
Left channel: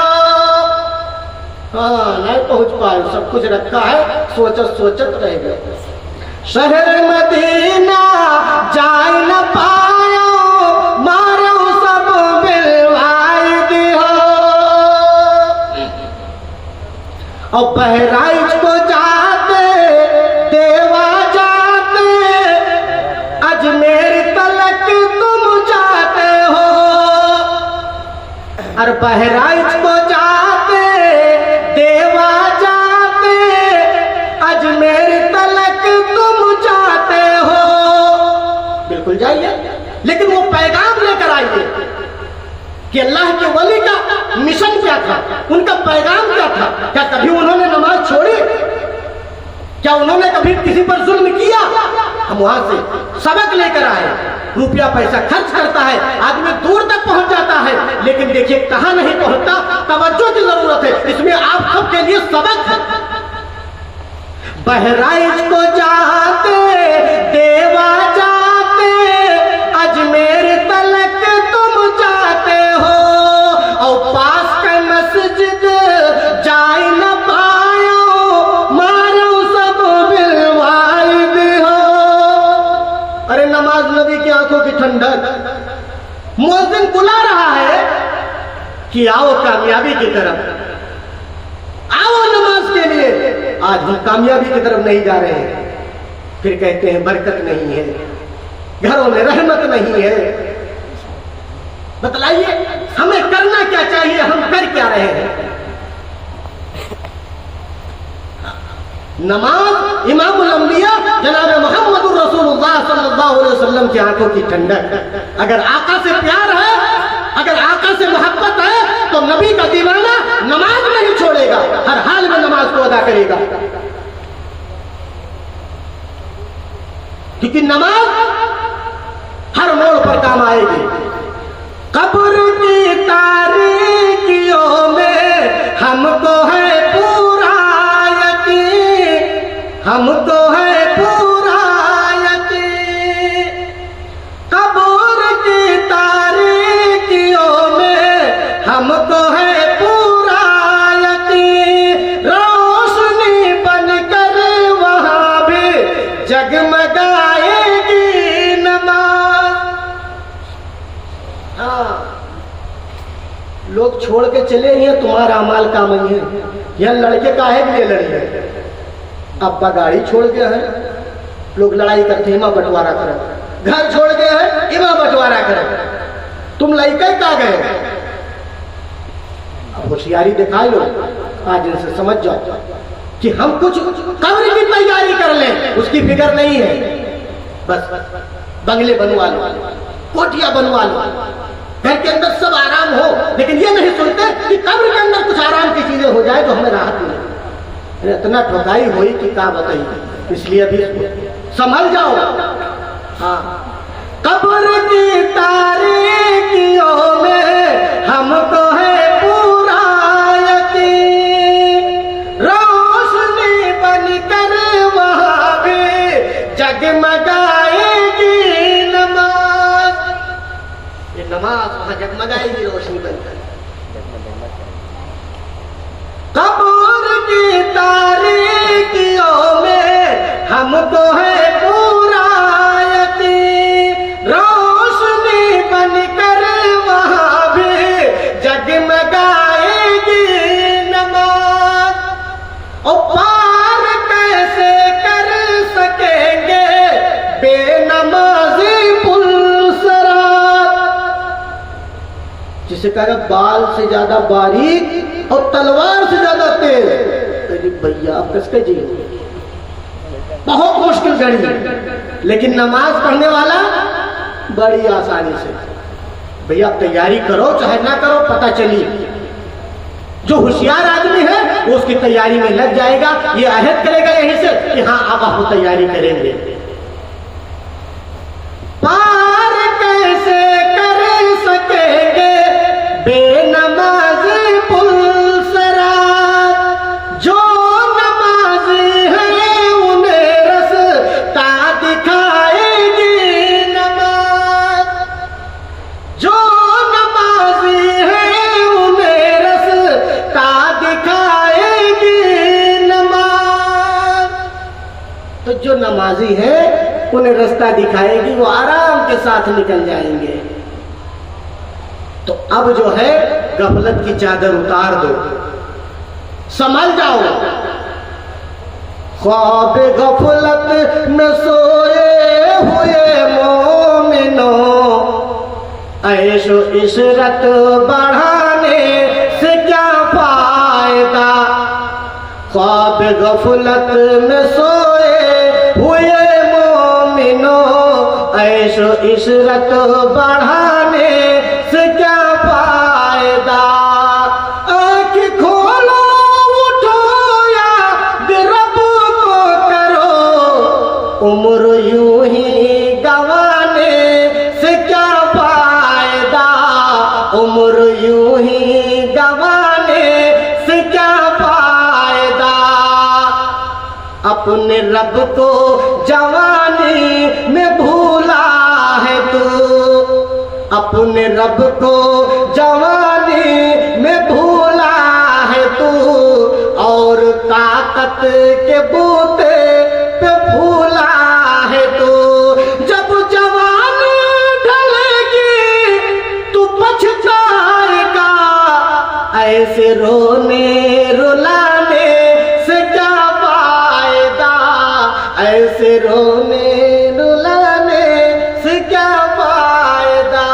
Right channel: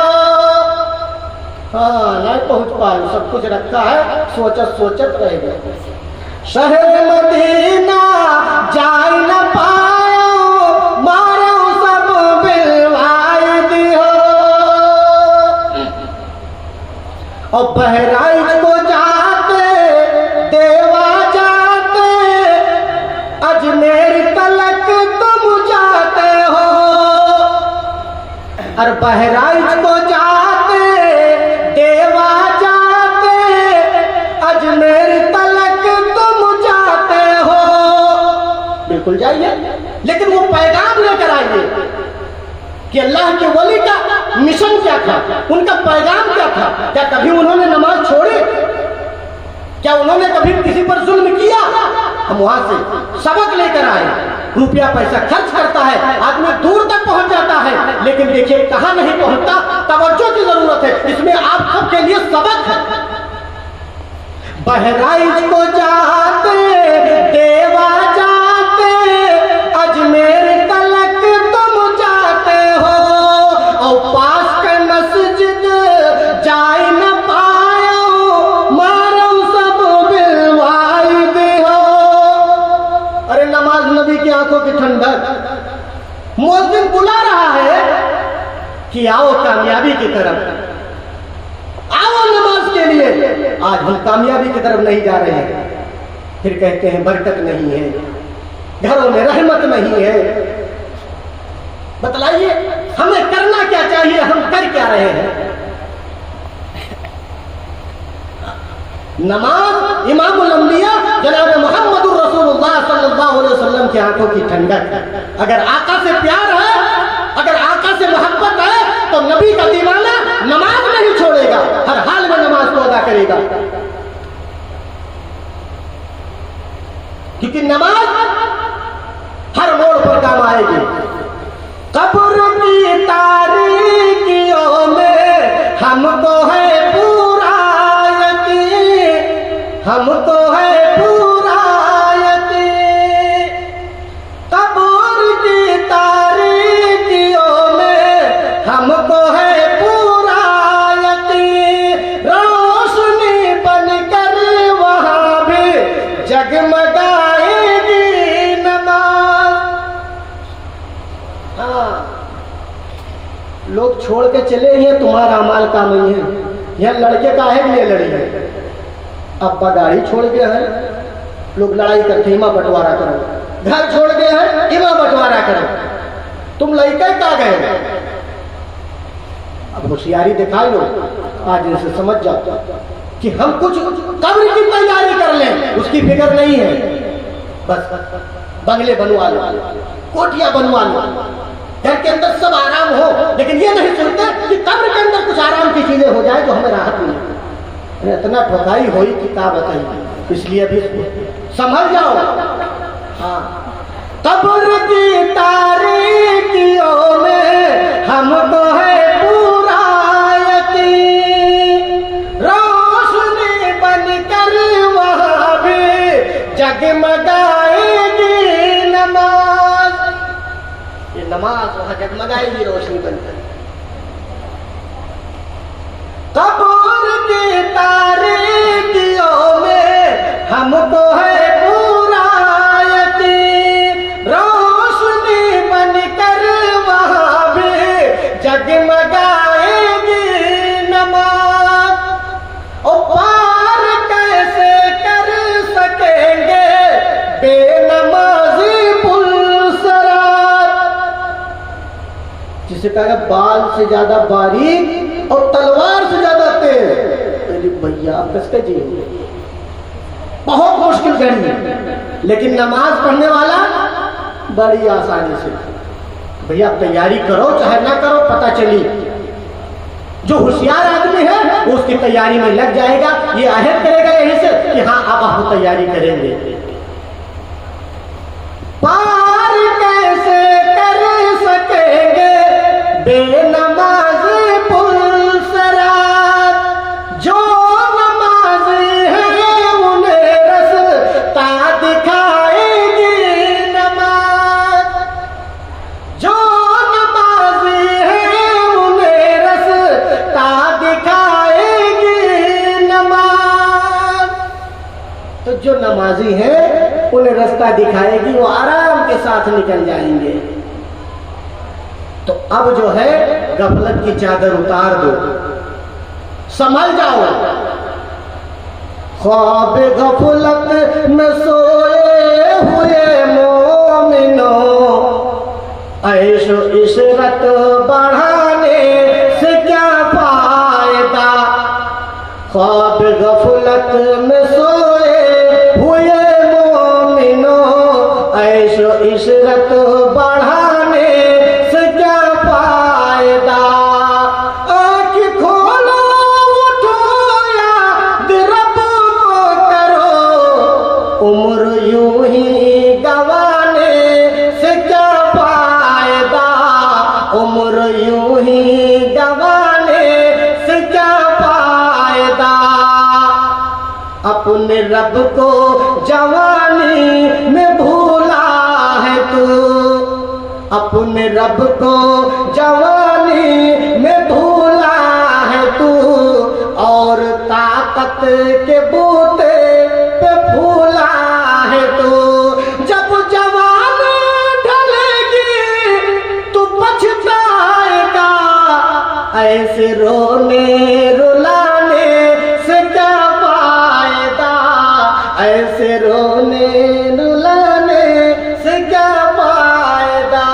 हाँ नहीं पहुंच पाए, सब कुछ रखा है, सोचत रह गए। शहर मदीना जाए न पायो, मारो सब बिलवाए दियो। और बहराइच को जाते देवा जाते, अजमेर तलक तुम जाते हो। और बहराइच को जाते कि अल्लाह के वली का मिशन क्या था, उनका पैगाम क्या था। क्या कभी उन्होंने नमाज छोड़ी? क्या उन्होंने कभी किसी पर जुल्म किया? हम वहां से सबक लेकर आए। रुपया पैसा खर्च करता है, आदमी दूर तक पहुंच जाता है, लेकिन देखिए कहां नहीं पहुंचता। तवज्जो की जरूरत है, इसमें आप सबके लिए सबक है। बहराइच को जाते, देवा जाते, अजमेर तलक तुम जाते हो, और पास के मस्जिद जाई न पायो, मारो सब बिलवाइद हो। अरे नमाज नबी की आंखों की ठंडक। मुअज्जिन बुला रहा है कि आओ कामयाबी की तरफ, आओ नमाज के लिए। आज हम कामयाबी की तरफ नहीं जा रहे हैं, फिर कहते हैं बरकत नहीं है, घरों में रहमत नहीं है। बतलाइए हमें करना क्या चाहिए, हम कर क्या रहे हैं? नमाज इमामुल अंबिया जनाब मोहम्मद रसूलुल्लाह सल्लल्लाहु अलैहि वसल्लम की आंखों की ठंडक। अगर आका से प्यार है, अगर आका से मोहब्बत है, तो नबी का दीवाना नमाज नहीं छोड़ेगा, हर हाल में नमाज को अदा करेगा। क्योंकि नमाज हर मोड़ पर काम आएगी। कब्र की तारीकियों में हमको है पूरा यकीन, हमको है पूरा यकीन। कब्र की तारीकियों में हमको है पूरा यकीन, रोशनी बनकर वहां भी जगमगाएगी नमाज। हाँ, लोग छोड़ के चले ही तुम्हारा अमाल का नहीं है। यह लड़के काहे लिए लड़े हैं? अब्बा गाड़ी छोड़ गया है, लोग लड़ाई करते इमा बंटवारा करो। घर छोड़ गया है, इमा बंटवारा करो। तुम लड़के का गए, अब होशियारी दिखा लो। आज इनसे समझ जाओ कि हम कुछ कब्र की तैयारी कर लें, उसकी फिक्र नहीं है। बस बंगले बनवा लो, कोठिया बनवा लो, घर के अंदर सब आराम हो, लेकिन ये नहीं सोचते कि कब्र के अंदर कुछ आराम की चीजें हो जाए तो हमें राहत मिले। इतना ठोकाई हुई कि क्या बताइए। इसलिए अभी संभल जाओ। हाँ, कब्र की तारीकियों में हमको है पूरा यकीन, रोशनी बनकर वहां भी जगमगाएगी नमाज। ये नमाज वहां जगमगाएगी रोशनी बनकर। कब्र की तारीकियों में हमको है पूरा यकीन, रोशनी बनकर वहां भी जगमगाएगी नमाज। और पार कैसे कर सकेंगे बेनमाजी पुलसरात। जिसे कहा बाल से ज्यादा बारीक और तलवार से ज्यादा तेज। भैया आप किसके जी, बहुत मुश्किल घड़ी है, लेकिन नमाज पढ़ने वाला बड़ी आसानी से। भैया आप तैयारी करो चाहे ना करो, पता चलिए जो होशियार आदमी है वो उसकी तैयारी में लग जाएगा। ये अहद करेगा यहीं से कि हाँ अब आप तैयारी करेंगे। पार कैसे कर सकेंगे बेनमाजी नमाजी है उन्हें रास्ता दिखाएगी, वो आराम के साथ निकल जाएंगे। तो अब जो है गफलत की चादर उतार दो, संभल जाओ। ख्वाब गफलत न सोए हुए मोमिनो, ऐशो इशरत बढ़ाने से क्या फायदा। ख्वाब गफलत में सोए हुए मोमिनो, ऐशो इशरत बढ़ाने से क्या फायदा। अपने रब को जवानी में भूला है तू, अपने रब को जवानी में भूला है तू, और ताकत के बूते पे फूला है तू। जब जवानी ढलेगी तू पछताएगा, ऐसे रोने रुलाने से क्या फायदा, ऐसे रोने रुलाने से क्या फायदा।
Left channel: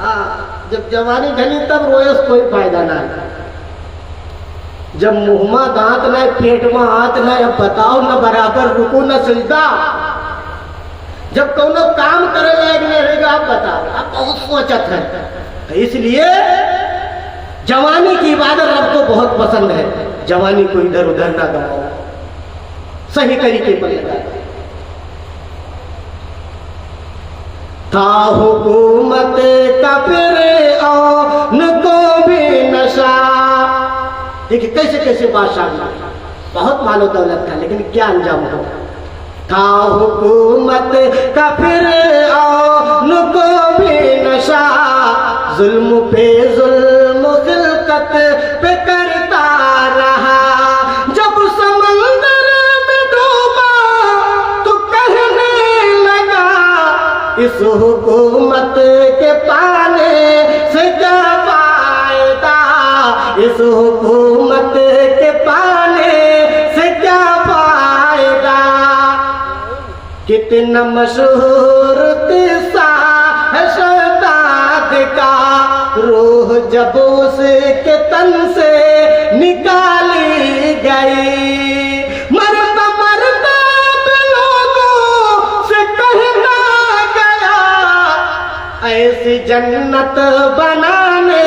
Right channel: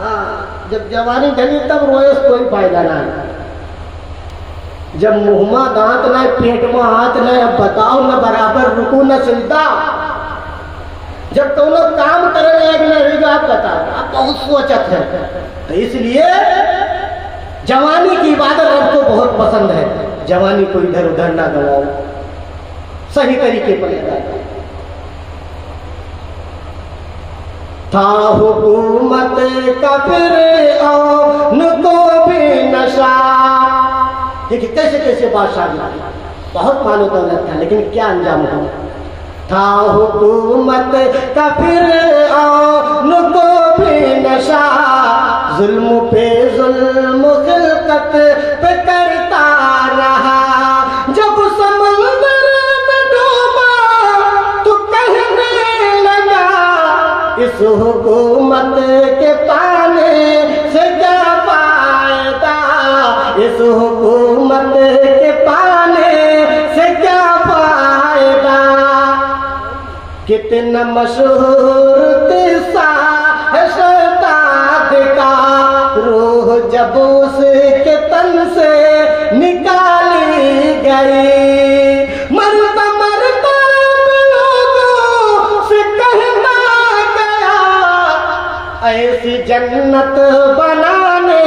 हाँ, जब जवानी ढली तब रोए कोई फायदा नहीं। जब मुँह में दांत न, पेट में हाथ न, अब बताओ न बराबर रुकू न सजदा। जब कोनो काम करे लायक न रहेगा, आप बताओ, आप बहुत सोचत है। तो इसलिए जवानी की इबादत रब को बहुत पसंद है। जवानी को इधर उधर ना गवाओ, सही तरीके पर लगाओ। था हुकूमत का फिरऔन को भी नशा। देखिए कैसे कैसे बादशाह बहुत मालो दौलत था, लेकिन क्या अंजाम हुआ। था हुकूमत का फिरऔन को भी नशा, जुल्म पे जुल्म खिलकत पे करता रहा। जब समंदर में डूबा तो कहने लगा, इस हुकूमत के पाने से क्या फायदा, इस हुकूमत के पाने से क्या फायदा। कितना मशहूर किस्सा है शहजाद का, रूह जब उसके तन से निकाली गई, मरता मरता लोगों से कहना गया, ऐसी जन्नत बनाने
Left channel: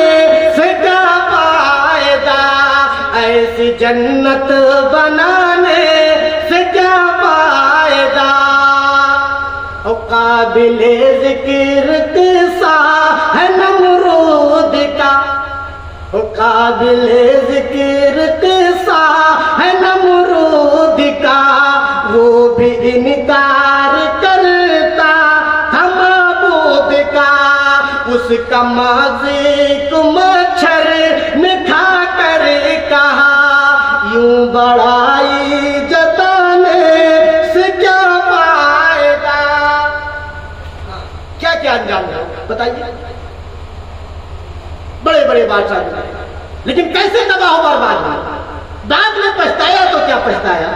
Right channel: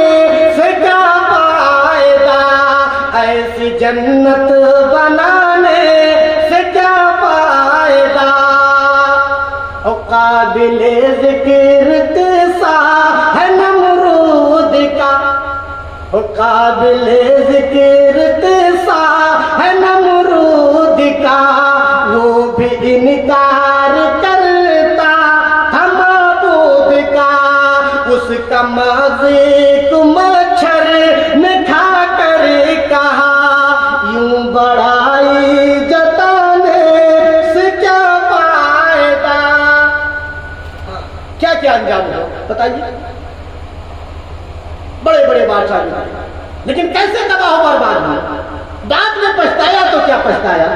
से क्या फायदा, ऐसी जन्नत बनाने से क्या फायदा। और काबिले जिक्र किस्सा है नमरूद का, और काबिले जिक्र किस्सा है नमरूद का, वो भी इनकार करता था माबूद का। उसका माज़ी को मच्छर ने खा कर कहा, यूं बड़ाई जताने से क्या फायदा। क्या क्या अंजाम है बताइए। बड़े बड़े बादशाह, लेकिन कैसे तबाह बर्बाद हुआ। बाद में पछताया तो क्या पछताया,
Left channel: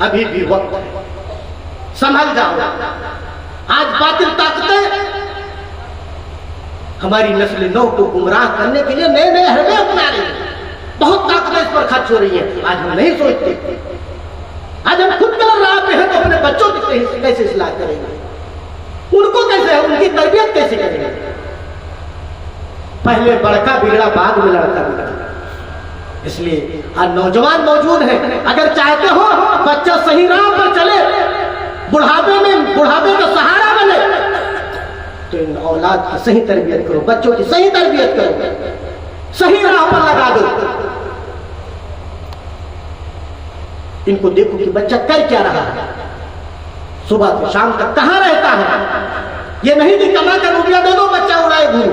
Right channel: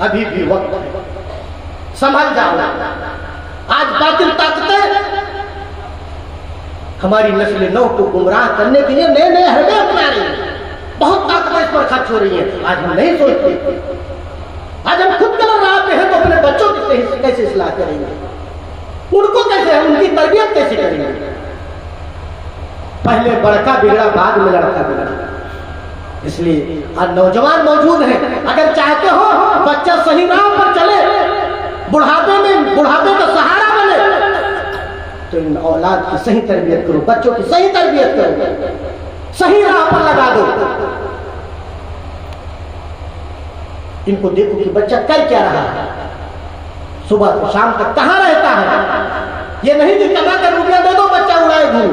अभी भी वक्त है, संभल जाओ। आज बातिल ताकतें हमारी नस्ल नौ को गुमराह करने के लिए नए नए हरबे अपना रही है। बहुत ताकतें इस पर खर्च हो रही है। आज हम नहीं सोचते, आज हम खुद गलत राह पे हैं तो अपने बच्चों की कैसे इस्लाह करेंगे, उनको कैसे, उनकी तरबियत कैसे करेंगे। पहले बड़का बिगड़ा, बाद में लड़का बिगड़ा। इसलिए आज नौजवान मौजूद है, अगर चाहते हो बच्चा सही राह पर चले, बुढ़ापे का सहारा बने, तो इन औलाद की सही तरबियत करो, बच्चों की सही तरबियत करो, सही राह पर लगा दो। इनको देखो कि बच्चा कर क्या रहा है, सुबह से शाम तक कहां रहता है। ये नहीं कि कमा कर रुपया दे दो बच्चा उड़ाए घूम।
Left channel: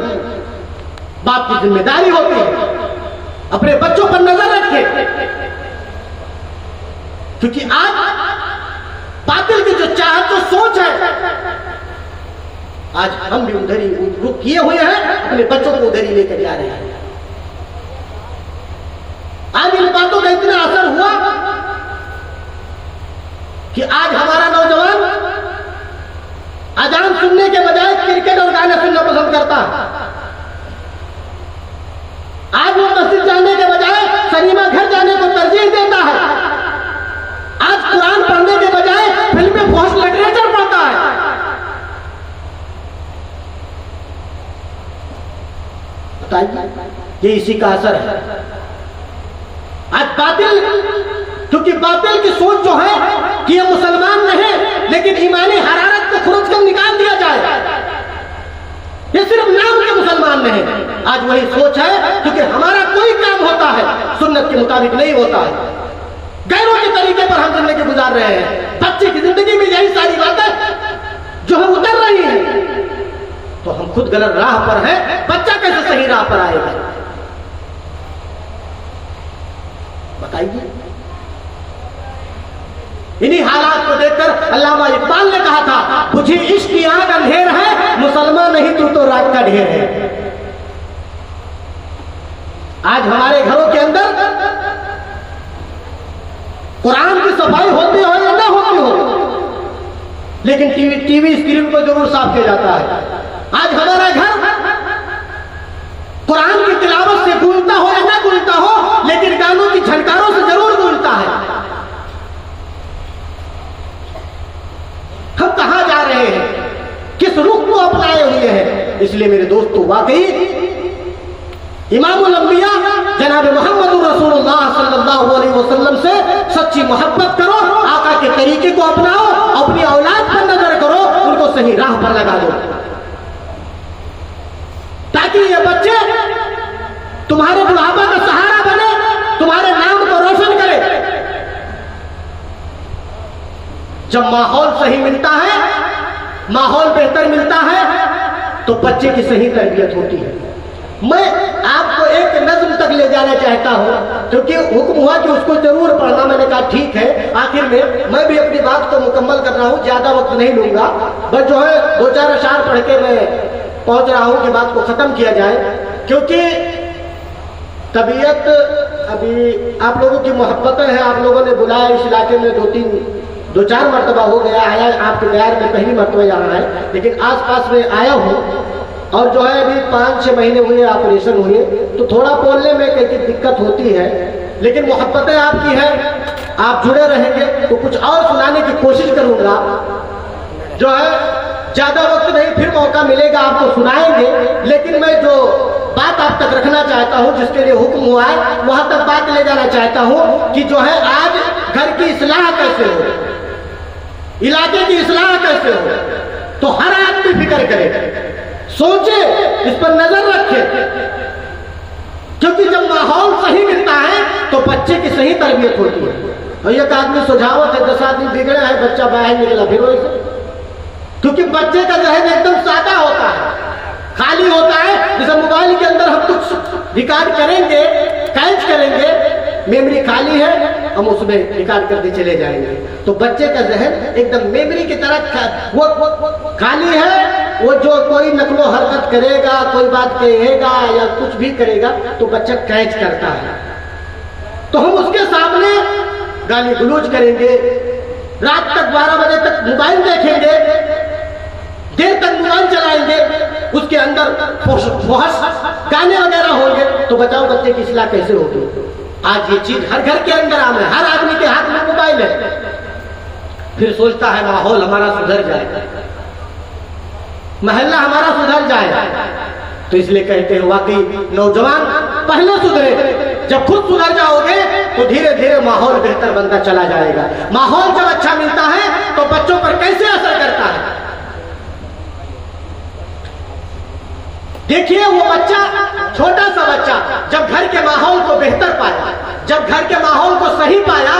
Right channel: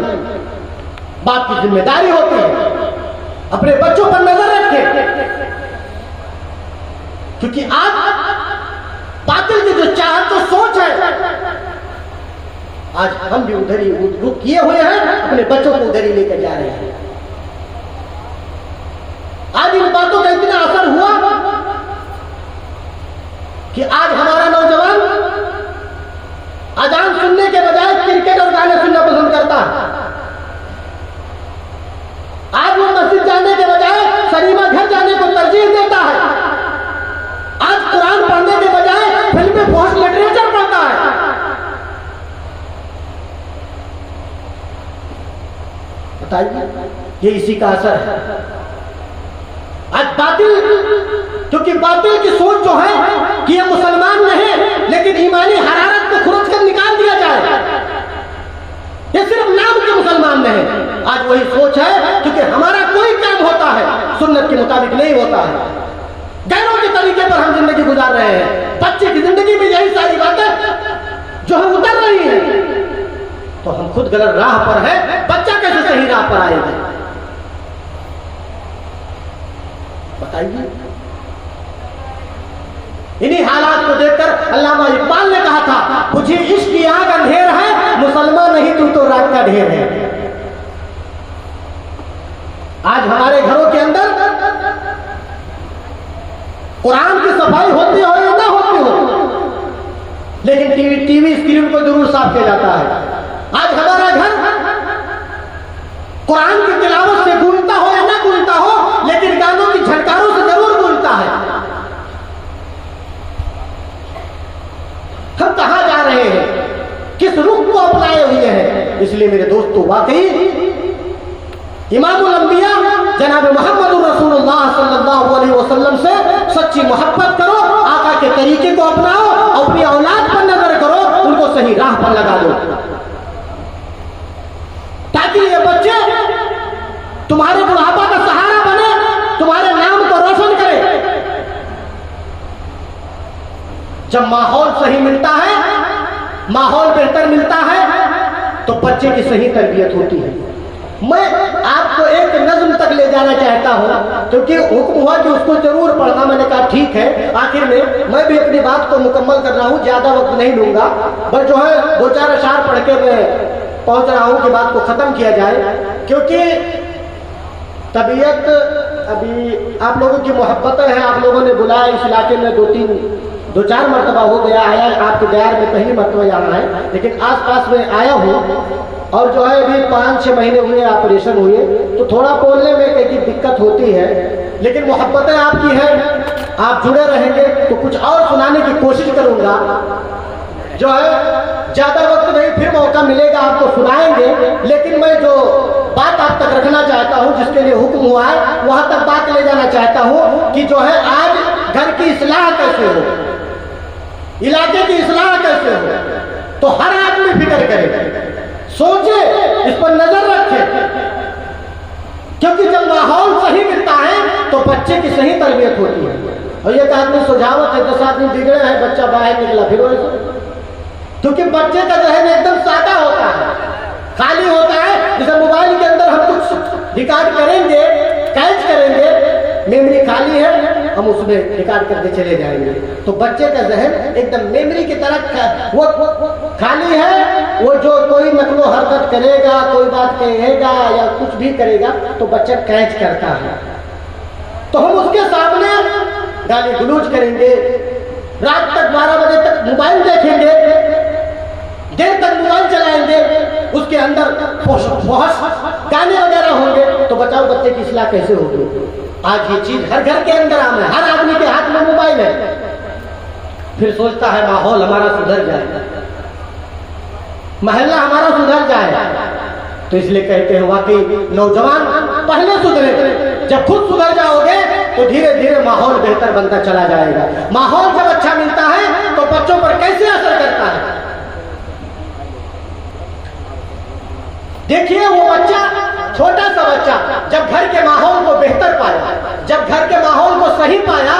बाप की जिम्मेदारी होती है अपने बच्चों पर नजर रखे, क्योंकि आज बातिल की जो चाहत जो सोच है, आज हम भी उधर ही वो किए हुए हैं, अपने बच्चों को उधर ही लेकर जा रहे हैं। आज इन बातों का इतना असर हुआ कि आज हमारा नौजवान अजान सुनने के बजाय क्रिकेट और गाने सुनना पसंद करता है। आज वो मस्जिद जाने के बजाय सिनेमा घर जाने को तरजीह देता है। आज कुरान पढ़ने के बजाय फिल्में पोस्ट लिटरेचर पढ़ता है। बताइए, ये इसी का असर है। आज बातिल, क्योंकि बातिल की सोच जो है कि ये मुसलमान नहीं, लेकिन ईमानी हरारत को खुरच कर निकाल दिया जाए, ये सिर्फ नाम के मुसलमान नहीं। आज वही सोच है, क्योंकि हमारा कोई काम होता है सुन्नत के मुताबिक नहीं होता है। गैरों के तरीके पर हम जिंदगी गुजार रहे हैं। बच्चे की जिंदगी में यही सारी बातें जो है उतर रही है, तो हम खुद गलत राह पर है, बच्चा कैसे सही राह पर आएगा? बताइए। इन्हीं हालात को देखकर अल्लामा इकबाल ने कहा था, मुझे इश्क की आग अंधेर है, मुसलमान नहीं तू तो रात का ढेर है। आज हमारे घरों के अंदर कुरान की सफाई होती हो या ना होती हो, लेकिन टीवी स्क्रीन को जरूर साफ किया जाता है। आज हमारा घर कुरान की तिलावत से गूंजता हो या ना गूंजता हो, लेकिन गानों की झनकारों से जरूर गूंजता है। हम कहां जा रहे हैं, किस रुख को अपनाए हुए हैं? इसलिए मेरे दोस्तों, वाकई इमामुल अंबिया जनाब मोहम्मद रसूलुल्लाह सल्लल्लाहु अलैहि वसल्लम से सच्ची मोहब्बत करो, आका के तरीके को अपनाओ, अपनी औलाद पर नजर करो, उनको सही राह पर लगा दो, ताकि ये बच्चे तुम्हारे बुढ़ापा का सहारा बने, तुम्हारे नाम को रोशन करे। जब माहौल सही मिलता है, माहौल बेहतर मिलता है, तो बच्चे की सही तरबियत होती है। मैं आपको एक नज्म तक ले जाना चाहता हूं, क्योंकि हुक्म हुआ कि उसको जरूर पढ़ना। मैंने कहा ठीक है। आखिर में मैं भी अपनी बात को मुकम्मल कर रहा हूं, ज्यादा वक्त नहीं लूंगा, बस जो है 2-4 अशार पढ़ के मैं पहुंच रहा हूं कि बात को खत्म किया जाए। क्योंकि तबीयत अभी आप लोगों की मोहब्बतें हैं, आप लोगों ने बुलाया इस इलाके में 2-4 मरतबा हो गया आया, आपके दायर में पहली मरतबा आना है, लेकिन आसपास में आया हूं। और जो है अभी 5-6 महीने हुए ऑपरेशन हुए, तो थोड़ा बोलने में कहीं दिक्कत होती है, लेकिन मोहब्बतें आपकी हैं, आप जुड़े रहेंगे तो कुछ और सुनाने की कोशिश करूंगा। जो है ज्यादा वक्त नहीं, फिर मौका मिलेगा आपको सुनाएंगे, लेकिन मैं जो बात आप तक रखना चाहता हूं, जिसके लिए हुक्म हुआ है, वहां तक बात ले जाना चाहता हूं कि जो है आज घर की इस्लाह कैसे हो, इलाके की इस्लाह कैसे हो, तो हर आदमी फिक्र करे, सोचे, इस पर नजर रखे। क्योंकि जब माहौल सही मिलता है तो बच्चे की सही तरबियत होती है। और एक आदमी सुझावत है, 10 आदमी बिगड़े हैं, बच्चा बाहर निकला, फिर क्योंकि बच्चे का जहन एकदम सादा होता है, खाली होता है। जैसे मोबाइल के अंदर हम कुछ रिकॉर्ड करेंगे, कैच करेंगे, मेमोरी खाली है, हम उसमें रिकॉर्ड करके चले जाएंगे। तो बच्चे का जहन एकदम मेमोरी की तरह वो खाली है। वो जो कोई नकलो हरकत करेगा, कोई बात कहेगा या कुछ भी करेगा, तो बच्चा कैच करता है। तो हम उसके सामने गाली गलौज करेंगे, रात तक 12 बजे तक मोबाइल देखेंगे, देर तक मोबाइल चलाएंगे, उसके अंदर फहश गाने वगैरह होंगे, तो बताओ बच्चे की इस्लाह कैसे होगी? आज ये चीज हर घर के अंदर आम है, हर आदमी के हाथ में मोबाइल है। फिर सोचता है माहौल हमारा सुधर जाएगा, महल्ला हमारा सुधर जाएगा। तो इसलिए कहते हैं वाकई नौजवान पहले सुधरे, जब खुद सुधर जाओगे तो धीरे धीरे माहौल बेहतर बनता चला जाएगा। माहौल जब अच्छा मिलता है तो बच्चों पर कैसे असर करता है? देखिए वो बच्चा, छोटा सा बच्चा जब घर के माहौल को बेहतर पाया, जब घर के माहौल को सही पाया,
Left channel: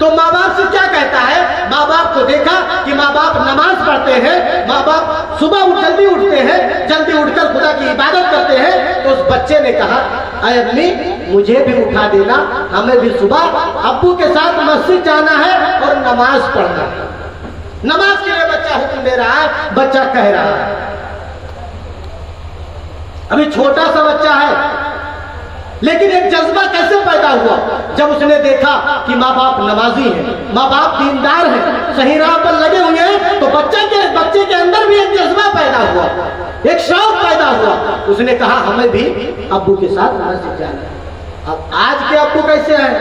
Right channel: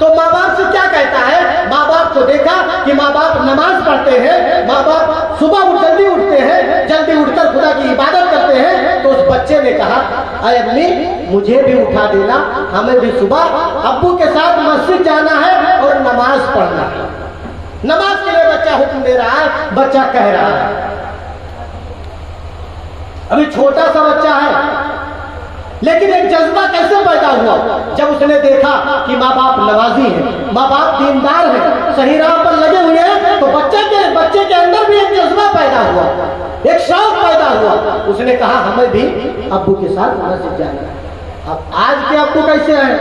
तो माँ बाप से क्या कहता है? माँ बाप को देखा कि माँ बाप नमाज पढ़ते हैं, माँ बाप सुबह जल्दी उठते हैं, जल्दी उठकर खुदा की इबादत करते हैं, तो उस बच्चे ने कहा, अरे अम्मी मुझे भी उठा देना, हमें भी सुबह अब्बू के साथ मस्जिद जाना है और नमाज पढ़ना है। नमाज के लिए बच्चा हुक्म दे रहा है, बच्चा कह रहा है। अभी छोटा सा बच्चा है, लेकिन एक जज्बा कैसे पैदा हुआ? जब उसने देखा कि माँ बाप नमाजी हैं, माँ बाप दीनदार हैं, सही राह पर लगे हुए हैं, तो बच्चे के अंदर भी एक जज्बा पैदा हुआ, एक शौक पैदा हुआ। उसने कहा हमें भी अब्बू के साथ मस्जिद जाना। अब आज के अब्बू कैसे हैं?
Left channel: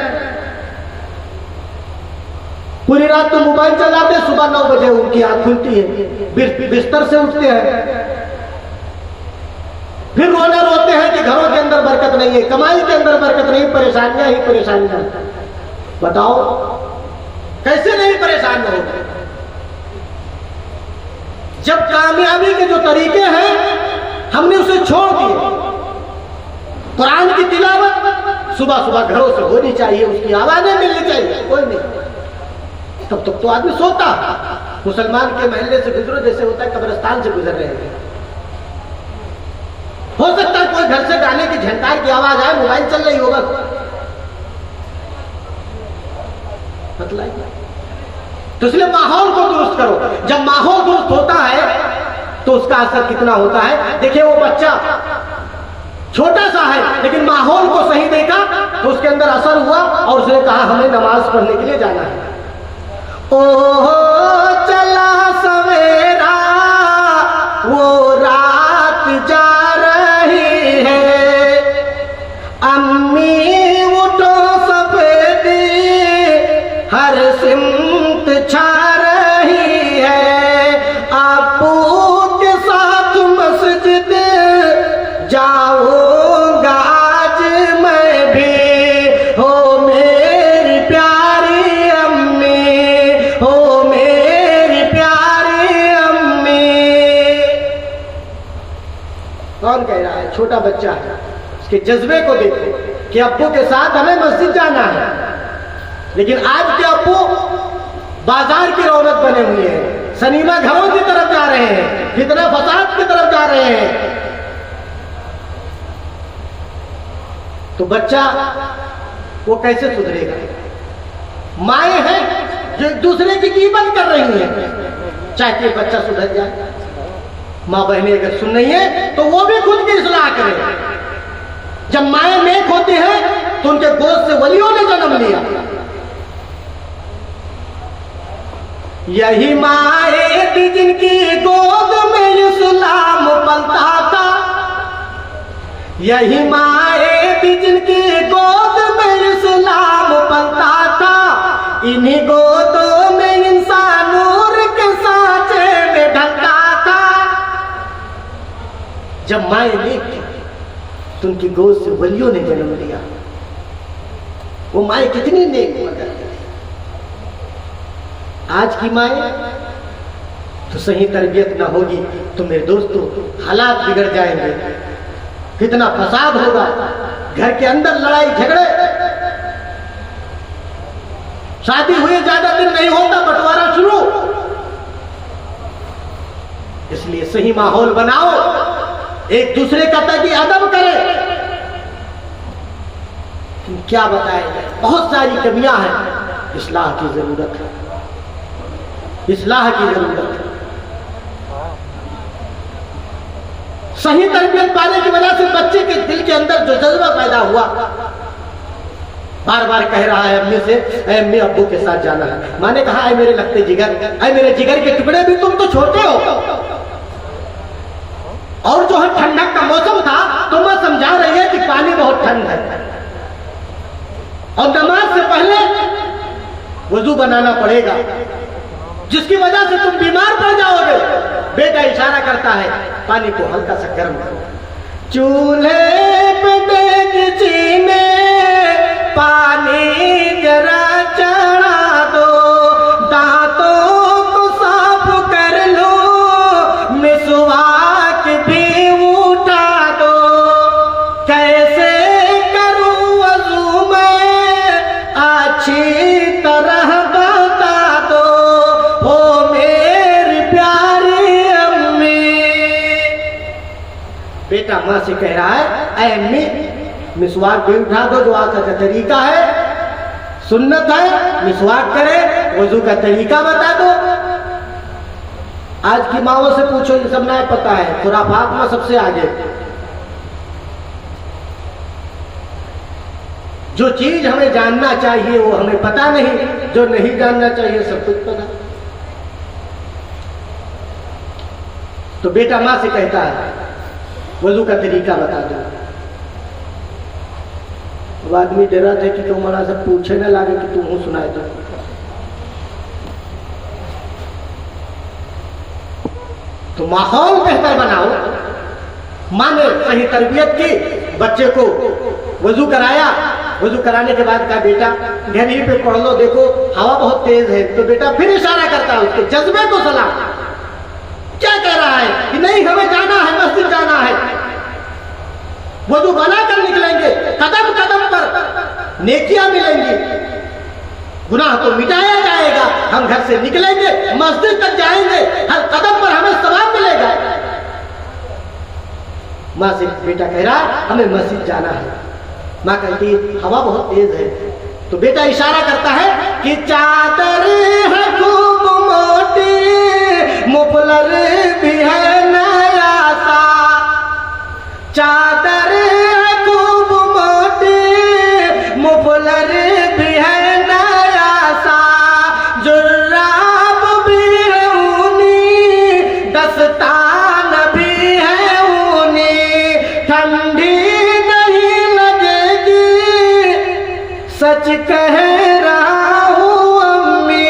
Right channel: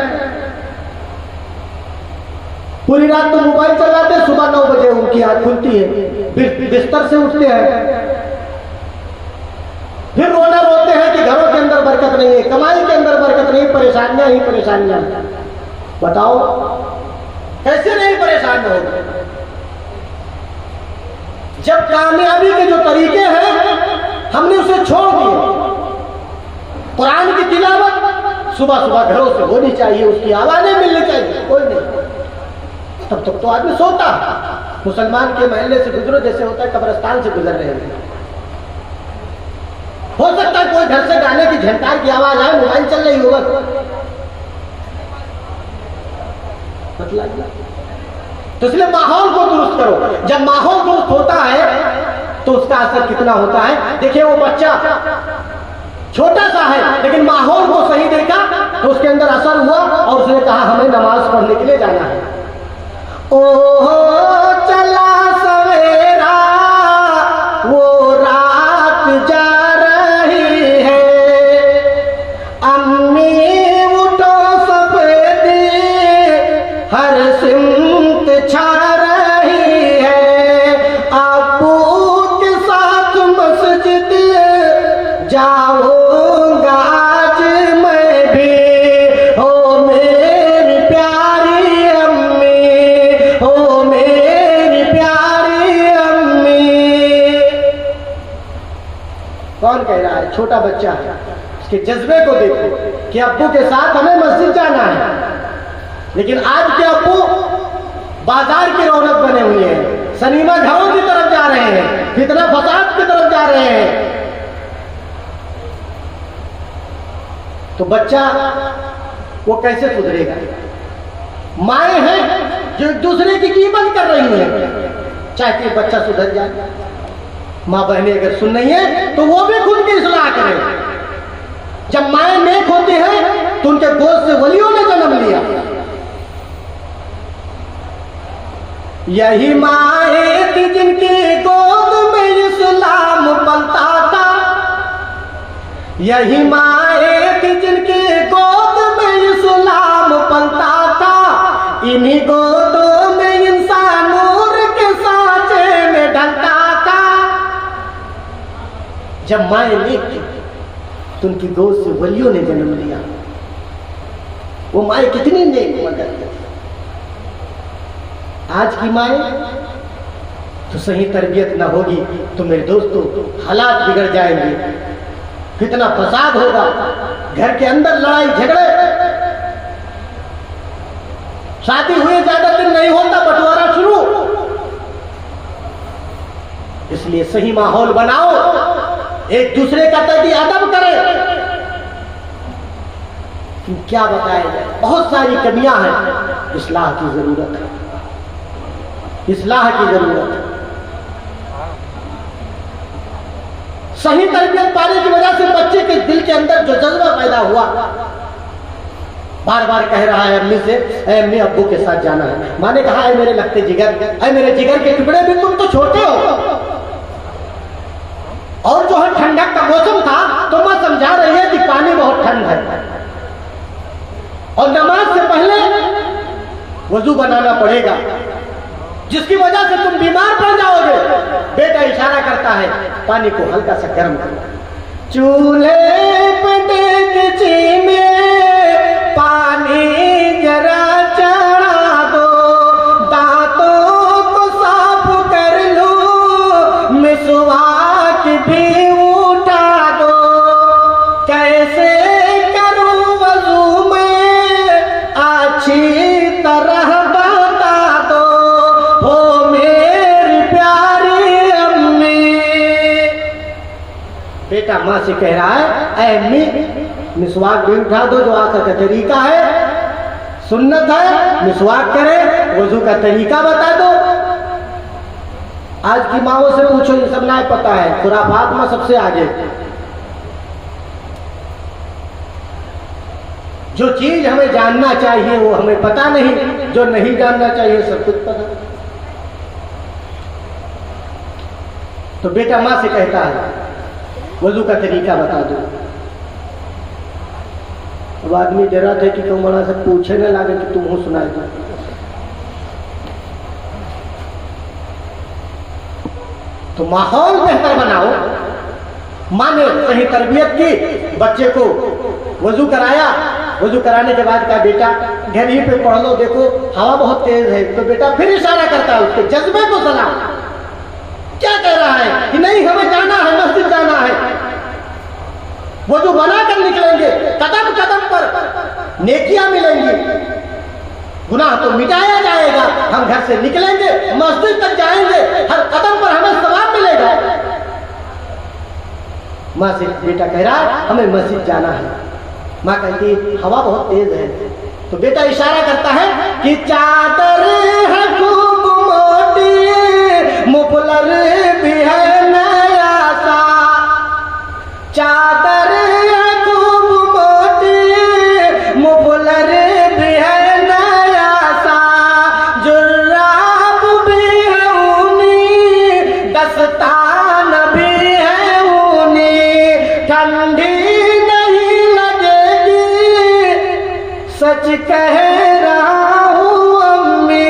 पूरी रात तो मोबाइल चलाते, सुबह 9 बजे उनकी आंख खुलती है, बिस्तर से उठते हैं, फिर रोना रोते हैं कि घरों के अंदर बरकत नहीं है, कमाई के अंदर बरकत नहीं, परेशानियां ही परेशानियां। बताओ कैसे नहीं परेशान होंगे? जब कामयाबी के जो तरीके हैं हमने उसे छोड़ दिए। कुरान की तिलावत, सुबह सुबह घरों से होनी चाहिए, उसकी आवाजें मिलनी चाहिए, कोई नहीं। तब तक तो आदमी सोता। मुसलमान के महल्ले से गुजरो जैसे होता है कब्रिस्तान से गुजर रहे हैं। हो सकता है कोई घर से गाने की झंकार की आवाज आए, मोबाइल चल रही होगा, तो इसलिए माहौल को दुरुस्त करो। जब माहौल दुरुस्त होता है तो उसका असर कितना होता है। देखिए वो बच्चा छोटा सा है लेकिन माहौल को सही देखा तो उसके अंदर असर हुआ और उसने कहा हमें नमाज पढ़ने के लिए जाना है। ओहो चला सवेरा वो रात जा रही है, अम्मी उठो सफेदी हर सिमत छा रही है, अबू के साथ मस्जिद जाऊंगा आज मैं भी, हो मेरी प्यारी अम्मी, हो मेरी प्यारी अम्मी। कौन कह रहा है? छोटा बच्चा है। उसके जज्बे को देखो कि अब्बू के साथ हमें मस्जिद जाना है। लेकिन आज के अब्बू बाजार की रौनक बने हुए हैं, सनीमा घरों की तरफ जा रहे हैं, फितना फसाद की तरफ जा रहे हैं। तो बच्चा वो कैसे सुधरेगा? माए हैं जो एक दूसरे की कीमत कर रही हैं, चाहती है बच्चा सुधर जाए। माँ बहनें अगर सुन रही है तो वो भी खुद की इस्लाह करें। जब माए नेक होती है तो उनके गोद से वलियों ने जन्म लिया। यही माए थी जिनकी गोद में इस्लाम पलता था, यही माए थी जिनकी गोद में इस्लाम पलता था, इन्हीं गोदों में इंसान नूर के सांचे में ढलता था। जब माए नेक थी तो उनकी गोद से वलियों ने जन्म लिया। वो माए कितनी नेक मगर आज की माए तो सही तरबियत ना होगी तो मेरे दोस्तों हालात बिगड़ जाएंगे, कितना फसाद होगा, घर के अंदर लड़ाई झगड़े, शादी हुए ज्यादा दिन नहीं होता बंटवारा शुरू। इसलिए सही माहौल बनाओ, एक दूसरे का तकी अदब करें। क्या बताया जाए, बहुत सारी कमियां हैं, इस्लाह की जरूरत है, इस्लाह की जरूरत है। सही तरबियत पाने की वजह से बच्चे के दिल के अंदर जो जज्बा पैदा हुआ, बार बार कह रहा है अम्मी से, अम्मी अब्बू के साथ जाना है। माँ ने कहा है मेरे लगते जिगर, अरे मेरे जिगर के टुकड़े भी तुम तो छोटे हो। और जो है ठंडक का मौसम था तो माँ समझा रही है कि पानी बहुत ठंड है और नमाज से पहले वजू बनाना पड़ेगा, जिसकी वजह से तुम बीमार पड़ जाओगे। बेटा इशारा करता है पानी को हल्का सा गर्म करो, चूल्हे पे डेगची में पानी जरा चढ़ा दो, दांतों को साफ कर लो, मिसवाक भी उठा दो, कैसे करूं वजू में अच्छी तरह बता दो, हो मेरी प्यारी अम्मी। बेटा माँ से कह रहा है ऐ अम्मी मिसवाक भी उठा दो, जो आका का तरीका है, सुन्नत है, मिसवाक करे, वजू का तरीका बता दो। आज की माँओं से पूछो, ये सब ना पता है, खुराफात में सबसे आगे। जो चीज हमें जानना चाहिए वो हमें पता नहीं, जो नहीं जानना चाहिए सब कुछ पता। तो बेटा माँ से कहता है वजू का तरीका बता दो। वो आदमी डरा थे कि तुम बड़ा से पूछे न लगे कि तुम हो सुनाए तो माहौल बेहतर बनाओ। माँ ने सही तरबियत की, बच्चे को वजू कराया, वजू कराने के बाद कहा बेटा घर ही पे पढ़ लो, देखो हवा बहुत तेज है। तो बेटा फिर इशारा करता है उसके जज्बे को सलाम, क्या कह रहा है कि नहीं हमें जाना है, मस्जिद जाना है, वजू बनाकर निकलेंगे, कदम कदम पर नेकियां मिलेंगी, गुनाह तो मिटाया जाएगा, हम घर से निकलेंगे, मस्जिद तक जाएंगे, हर कदम पर हमें सवाब मिलेगा। माँ से बेटा कह रहा है हमें मस्जिद जाना है। माँ कहती हवा बहुत तेज है, तो बेटा इशारा करता है कि चादर है खूब मोटी, मुफलर भी है नया सा, चादर है खूब मोटी, मुफलर भी है नया सा, जुर्राब भी है ऊनी, दस्तान भी है ऊनी, ठंडी नहीं लगेगी, सच कह रहा हूँ अम्मी।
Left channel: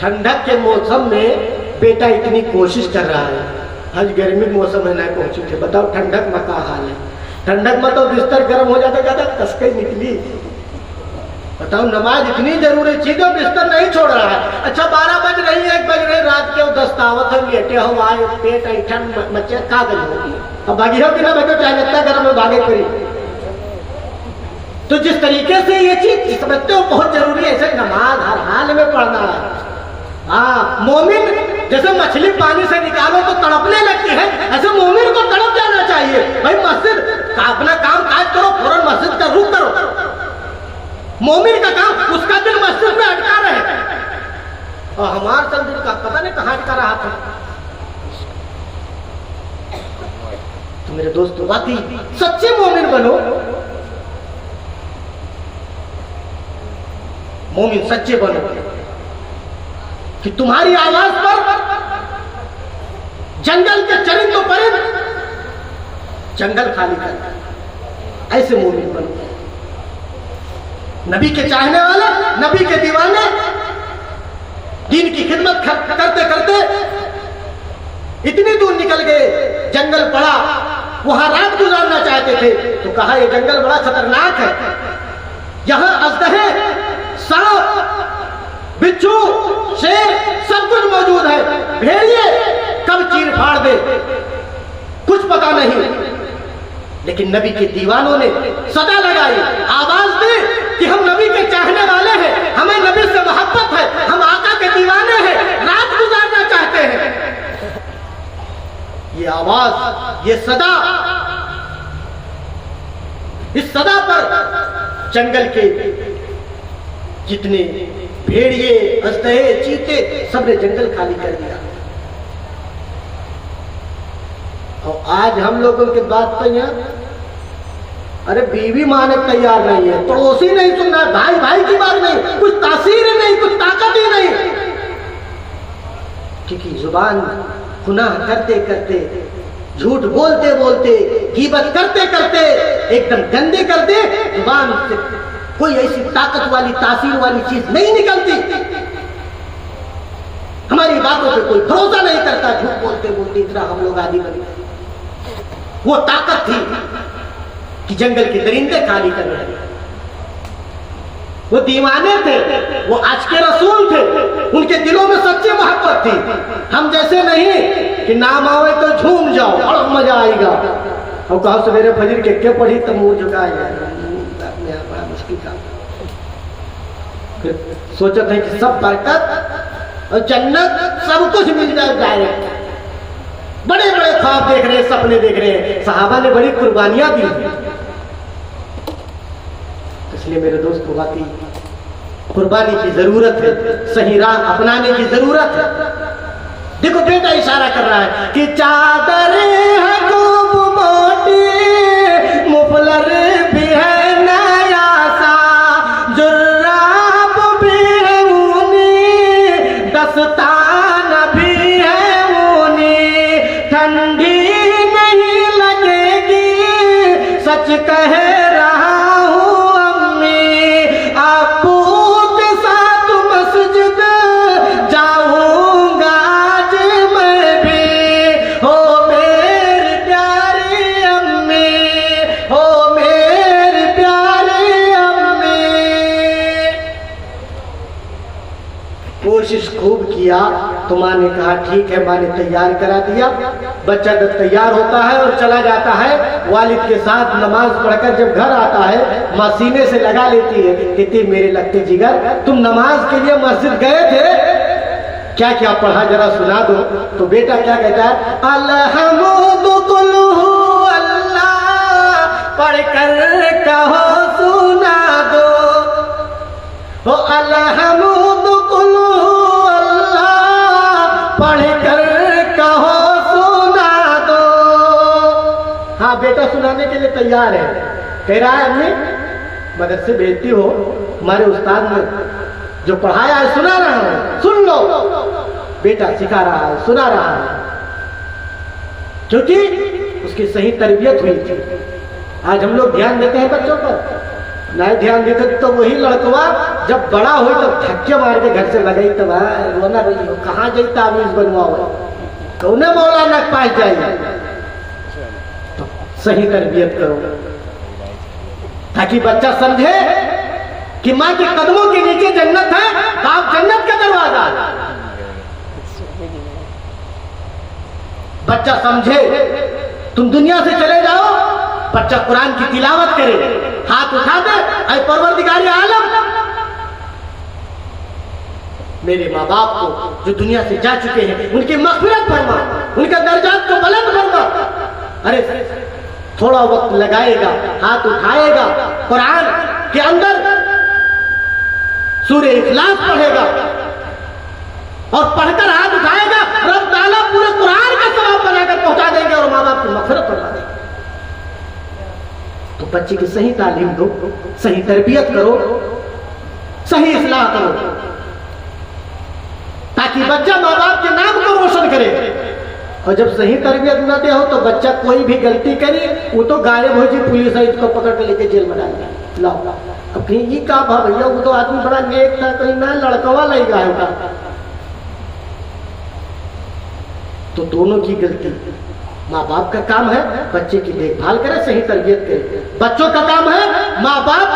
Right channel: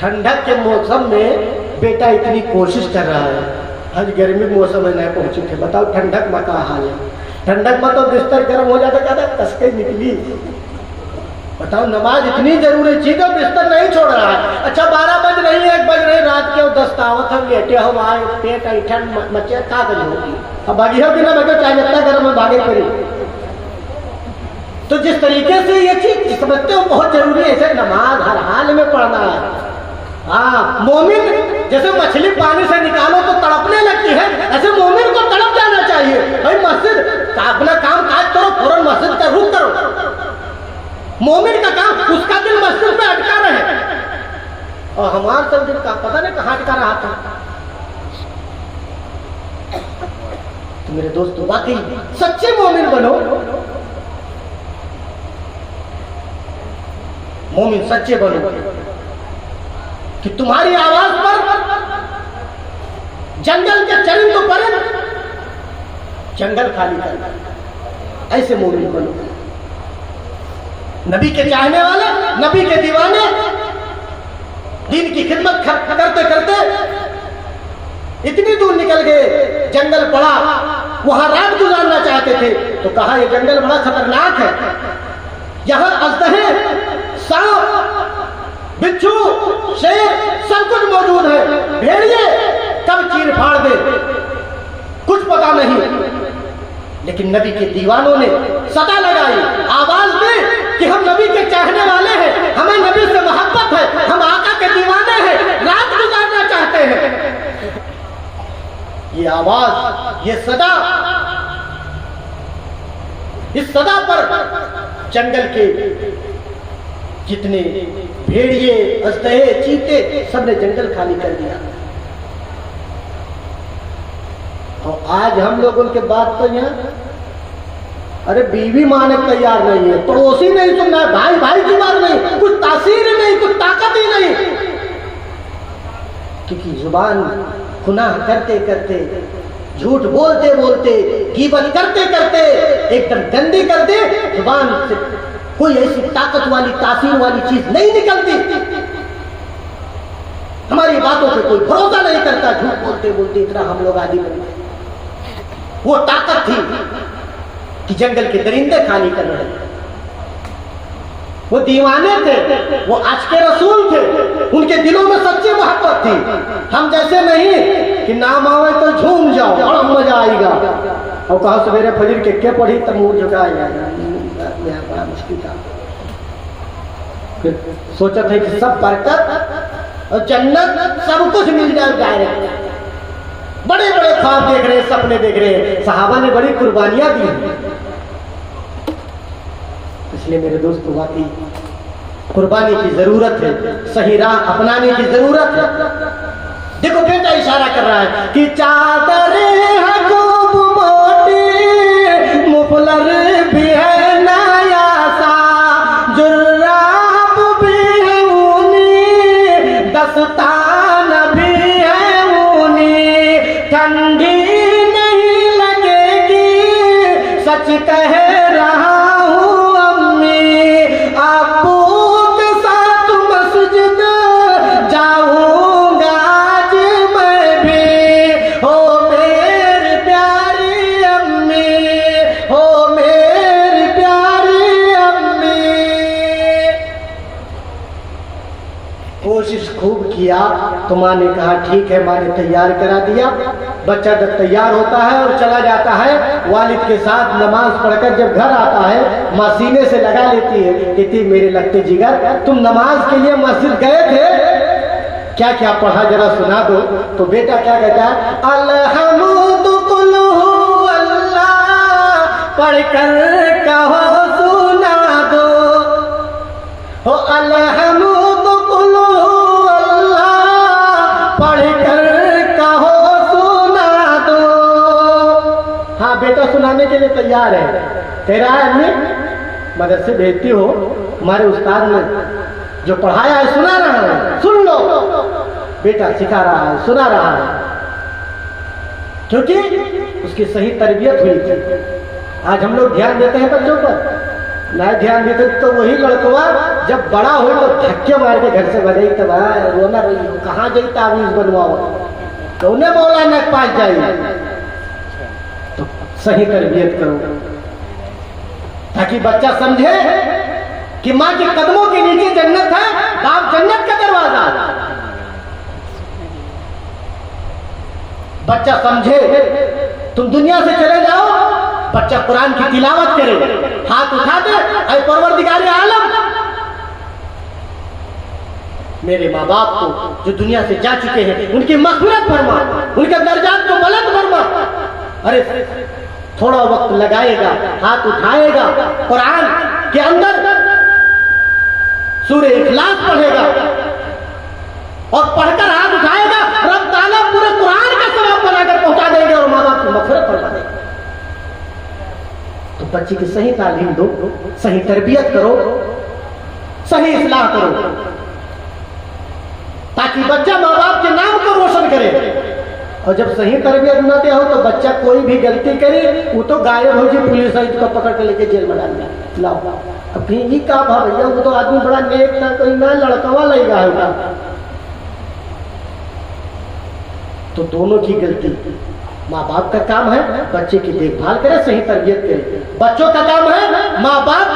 ठंडक के मौसम में बेटा इतनी कोशिश कर रहा है, आज गर्मी मौसम में ना पहुंचे थे, बताओ ठंडक में क्या हाल है। ठंडक में तो बिस्तर गर्म हो जाता, ज्यादा कसके निकली। बताओ नमाज इतनी जरूरी चीज है, बिस्तर नहीं छोड़ रहा है। अच्छा 12 बज रही है, 1 बज रहे, रात के 10 आवत हम लेटे हो, आए पेट ऐठन मचे का गए भागी हो कि ना भागो, चाहे लगता गर्म में भागे करी। तो जिस तरीके से ये चीज समझते हो बहुत जरूरी है, ऐसे नमाज हर हाल में पढ़ना है। हाँ, मोमिन जैसे मछली पानी से निकालो तो तड़पने लगती है, ऐसे मोमिन को तड़प जाना चाहिए। भाई मस्जिद अपना काम काज करो, फौरन मस्जिद का रुख करो। मोमिन का काम, उसका दिल मस्जिद में अटका रहे, और हमारा सब दिल का पता नहीं कहाँ अटका रहा था। तो मेरे दोस्त वाकई सच्चे मोमिन बनो, मोमिन सच्चे बनो कि तुम्हारी आवाज पर जंगल के चरिंदों पर जंगल खाली कर, ऐसे मोमिन बनो। नबी के चाहने वाले, नबी के दीवाने, दीन की खिदमत करते करते इतनी दूर निकल गए, जंगल पड़ा, वहां रात गुजारना चाहते थे, तो कहा यह जंगल बड़ा खतरनाक है, यहां अजदहे, सांप, बिच्छू, शेर सब कुछ मौजूद है, भेड़िए कब चीर फाड़ दे कुछ पता नहीं। लेकिन नबी के दीवानों ने सदा लगाई, आवाज दी कि हम नबी के चाहने वाले हैं, हमें नबी से मोहब्बत है, हम आका के दीवाने हैं, रात गुजारना चाहते हैं। ये आवाज, ये सदा, इस सदा पर जंगल के जितने भेड़िए, अजदहे, चीते, सबने जंगल खाली कर दिया। और आज हम लोगों के बात पर यहाँ, अरे बीवी माने तैयार नहीं है, पड़ोसी नहीं सुनना है, भाई भाई की बात नहीं, कुछ तासीर ही नहीं, कुछ ताकत ही नहीं, क्योंकि जुबान गुनाह करते करते, झूठ बोलते बोलते, गीबत करते करते एकदम गंदी कर दे, जुबान से कोई ऐसी ताकत वाली, तासीर वाली चीज नहीं निकलती। हमारी बातों पे कोई भरोसा नहीं करता, झूठ बोलते बोलते इतना हम लोग आदि बने। वो ताकत थी कि जंगल के दरिंदे खाली कर रहे, वो दीवाने थे, वो आज के रसूल थे, उनके दिलों में सच्ची मोहब्बत थी। हम जैसे नहीं कि नाम आवे तो झूम जाओ, बड़ा मजा आएगा, और कहा सवेरे फजर के पढ़ी तब मुंह झुकाएगा, बड़ा मुश्किल था। फिर सोचा था कि सब बरकत और जन्नत सब कुछ मिल जाए डायरेक्ट, बड़े बड़े ख्वाब देख रहे हैं, सपने देख रहे हैं, सहाबा ने बड़ी कुर्बानियां दी। इसलिए मेरे दोस्त वाकई कुर्बानी की जरूरत है, सही राह अपनाने की जरूरत है। देखो बेटा इशारा कर रहा है कि चादर है खूब मोटी, मुफलर भी है नया सा, जुर्राब भी है ऊनी, दस्तान भी है ऊनी, ठंडी नहीं लगेगी, सच कह रहा हूँ अम्मी, अब्बू के साथ मस्जिद जाऊंगा आज मैं भी, हो कोशिश खूब किया तो माँ ने कहा ठीक है, माँ ने तैयार करा दिया। बच्चा जब तैयार होता है और चला जाता है वालिद के साथ नमाज पढ़कर, जब घर आता है माँ सीने से लगा लेती है, कहती मेरे लगते जिगर तुम नमाज के लिए मस्जिद गए थे, क्या क्या पढ़ा जरा सुना दो। तो बेटा क्या कहता है, अल्हम्दुलिल्लाह पढ़कर कहो सुना दो, हो अल्हम्दुलिल्लाह पढ़कर कहो सुना दो। हाँ बेटा सुनाने के लिए तैयार है, कह रहा है अम्मी मदरसे भेजती हो, हमारे उस्ताद ने जो पढ़ाया है सुना रहा है, सुन लो। बेटा सिखा रहा है, सुना रहा है, क्योंकि उसकी सही तरबियत हुई थी। आज हम लोग ध्यान देते हैं बच्चों पर, ना ध्यान देते तो वही लड़कवा जब बड़ा हो तो धक्के मार के घर से भगे, तो रोना कहाँ गई तावीज बनवाओ, तो उन्हें बोला न पास जाए। तो सही तरबियत करो ताकि बच्चा समझे कि माँ के कदमों के नीचे जन्नत है, बाप जन्नत का दरवाजा। बच्चा समझे, तुम दुनिया से चले जाओ, बच्चा कुरान की तिलावत करे, हाथ उठा दे, ऐ परवरदिगार आलम मेरे माँ बाप को जो दुनिया से जा चुके हैं उनकी मग़फ़िरत फरमा, उनके दर्जात को बुलंद फरमा। अरे थोड़ा वक्त लगाएगा, हाथ उठाएगा, कुरान के अंदर सूरह इखलास पढ़ेगा और पढ़कर हाथ उठाएगा, रब ताला पूरे कुरान का सवाब बनाकर पहुंचा देगा और माँ बाप को मग़फ़िरत फरमा देगा। तो बच्चे की सही तालीम दो, सही तरबियत करो, सही इस्लाह करो, ताकि बच्चा माँ बाप के नाम को रोशन करे। और जब सही तरबियत न दे हो तो बच्चा कोई भी गलती करे वो तो गायब हो जाए, पुलिस है उसको पकड़ के लेके जेल में डाल दिया। लाओ अपनी ही का भैया, वो तो आदमी बड़ा नेक था, कोई ना लड़कवा लेगा है, तो दोनों की गलती। माँ बाप का काम है बच्चे की देखभाल करे, सही तरबियत करे। बच्चों का काम है माँ बाप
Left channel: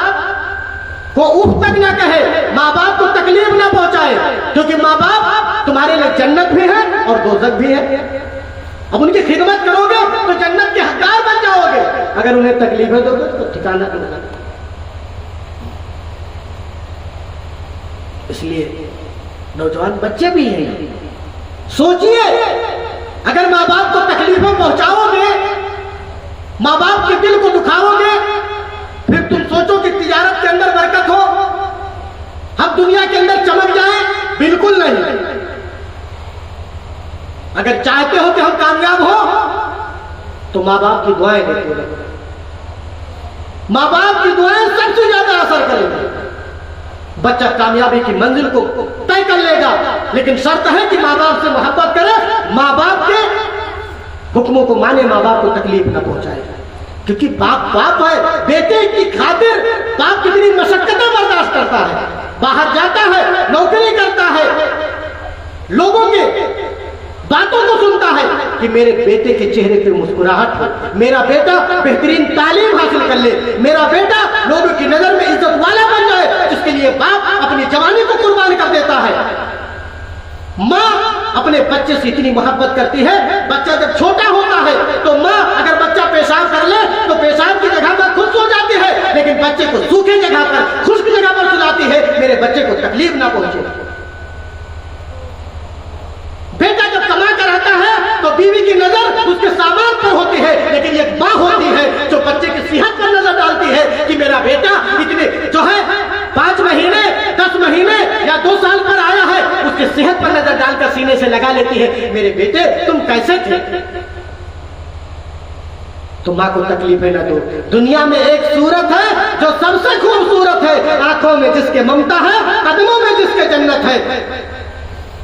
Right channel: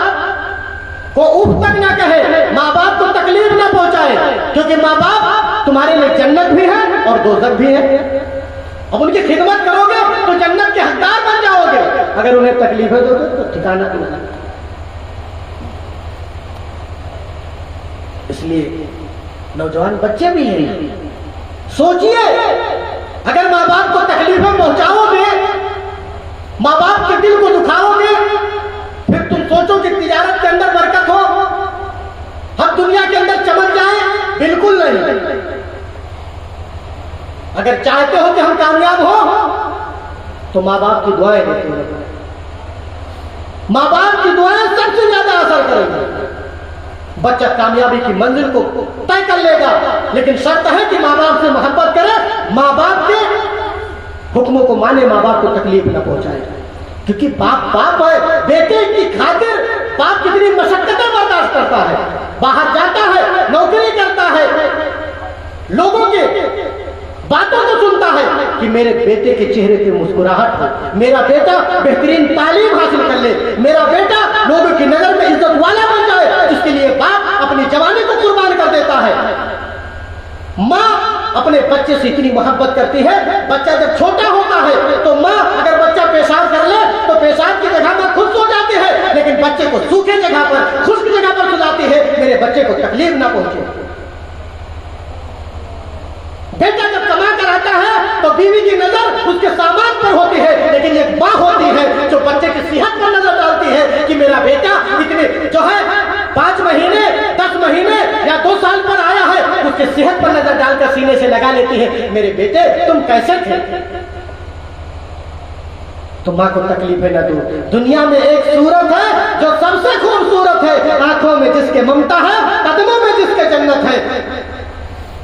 को उफ तक ना कहे, माँ बाप को तकलीफ ना पहुंचाए, क्योंकि माँ बाप तुम्हारे लिए जन्नत भी है और दोज़ख भी है। अब उनकी खिदमत करोगे तो जन्नत के हकदार बन जाओगे, अगर उन्हें तकलीफें दोगे तो ठिकाना नहीं लगता। इसलिए नौजवान बच्चे भी हैं, सोचिए अगर माँ बाप को तकलीफें पहुंचाओगे, माँ बाप के दिल को दुखाओगे, फिर तुम सोचो कि तिजारत के अंदर बरकत हो, हम दुनिया के अंदर चमक जाए, बिल्कुल नहीं। अगर चाहते हो कि हम कामयाब हो तो माँ बाप की दुआएं देखो, माँ बाप की दुआएं सबसे ज्यादा असर करेंगे। बच्चा कामयाबी की मंजिल को तय कर लेगा, लेकिन शर्त है कि माँ बाप से मोहब्बत करे, माँ बाप के हुक्मों को माने, माँ बाप को तकलीफ न पहुंचाए, क्योंकि बाप बाप है। बेटे की खातिर बाप कितनी मशक्कतें बर्दाश्त करता है, बाहर जाता है, नौकरी करता है, लोगों के बातों को सुनता है कि मेरे बेटे के चेहरे पे मुस्कुराहट हो, मेरा बेटा बेहतरीन तालीम हासिल कर ले, मेरा बेटा लोगों की नजर में इज्जत वाला बन जाए, जिसके लिए बाप अपनी जवानी को कुर्बान कर देता है। माँ अपने बच्चे से इतनी मोहब्बत करती है, बच्चा जब छोटा होता है तो माँ अगर बच्चा पेशाब कर ले तो पेशाब की जगह पर खुश हो जाती है, लेकिन बच्चे को सूखे जगह पर, खुश्क जगह पर सुलाती है, मेरे बच्चे को तकलीफ ना पहुंचे। बेटा जब कमा कर आता है तो बीवी की नजर उसके सामान पर होती है, लेकिन एक माँ होती है जो बच्चे की सेहत पर नजर डालती है कि मेरा बेटा इतने जो है 5 महीने 10 महीने या 2 साल पर आया है, उसके सेहत पर नजर डालकर सीने से लगा लेती है, मेरे बेटे तुम कैसे थे। तो माँ को तकलीफें न दो। दुनिया में एक सूरत है जो सबसे खूबसूरत है, आंखों में जिसके ममता है, कदमों में जिसके जन्नत है।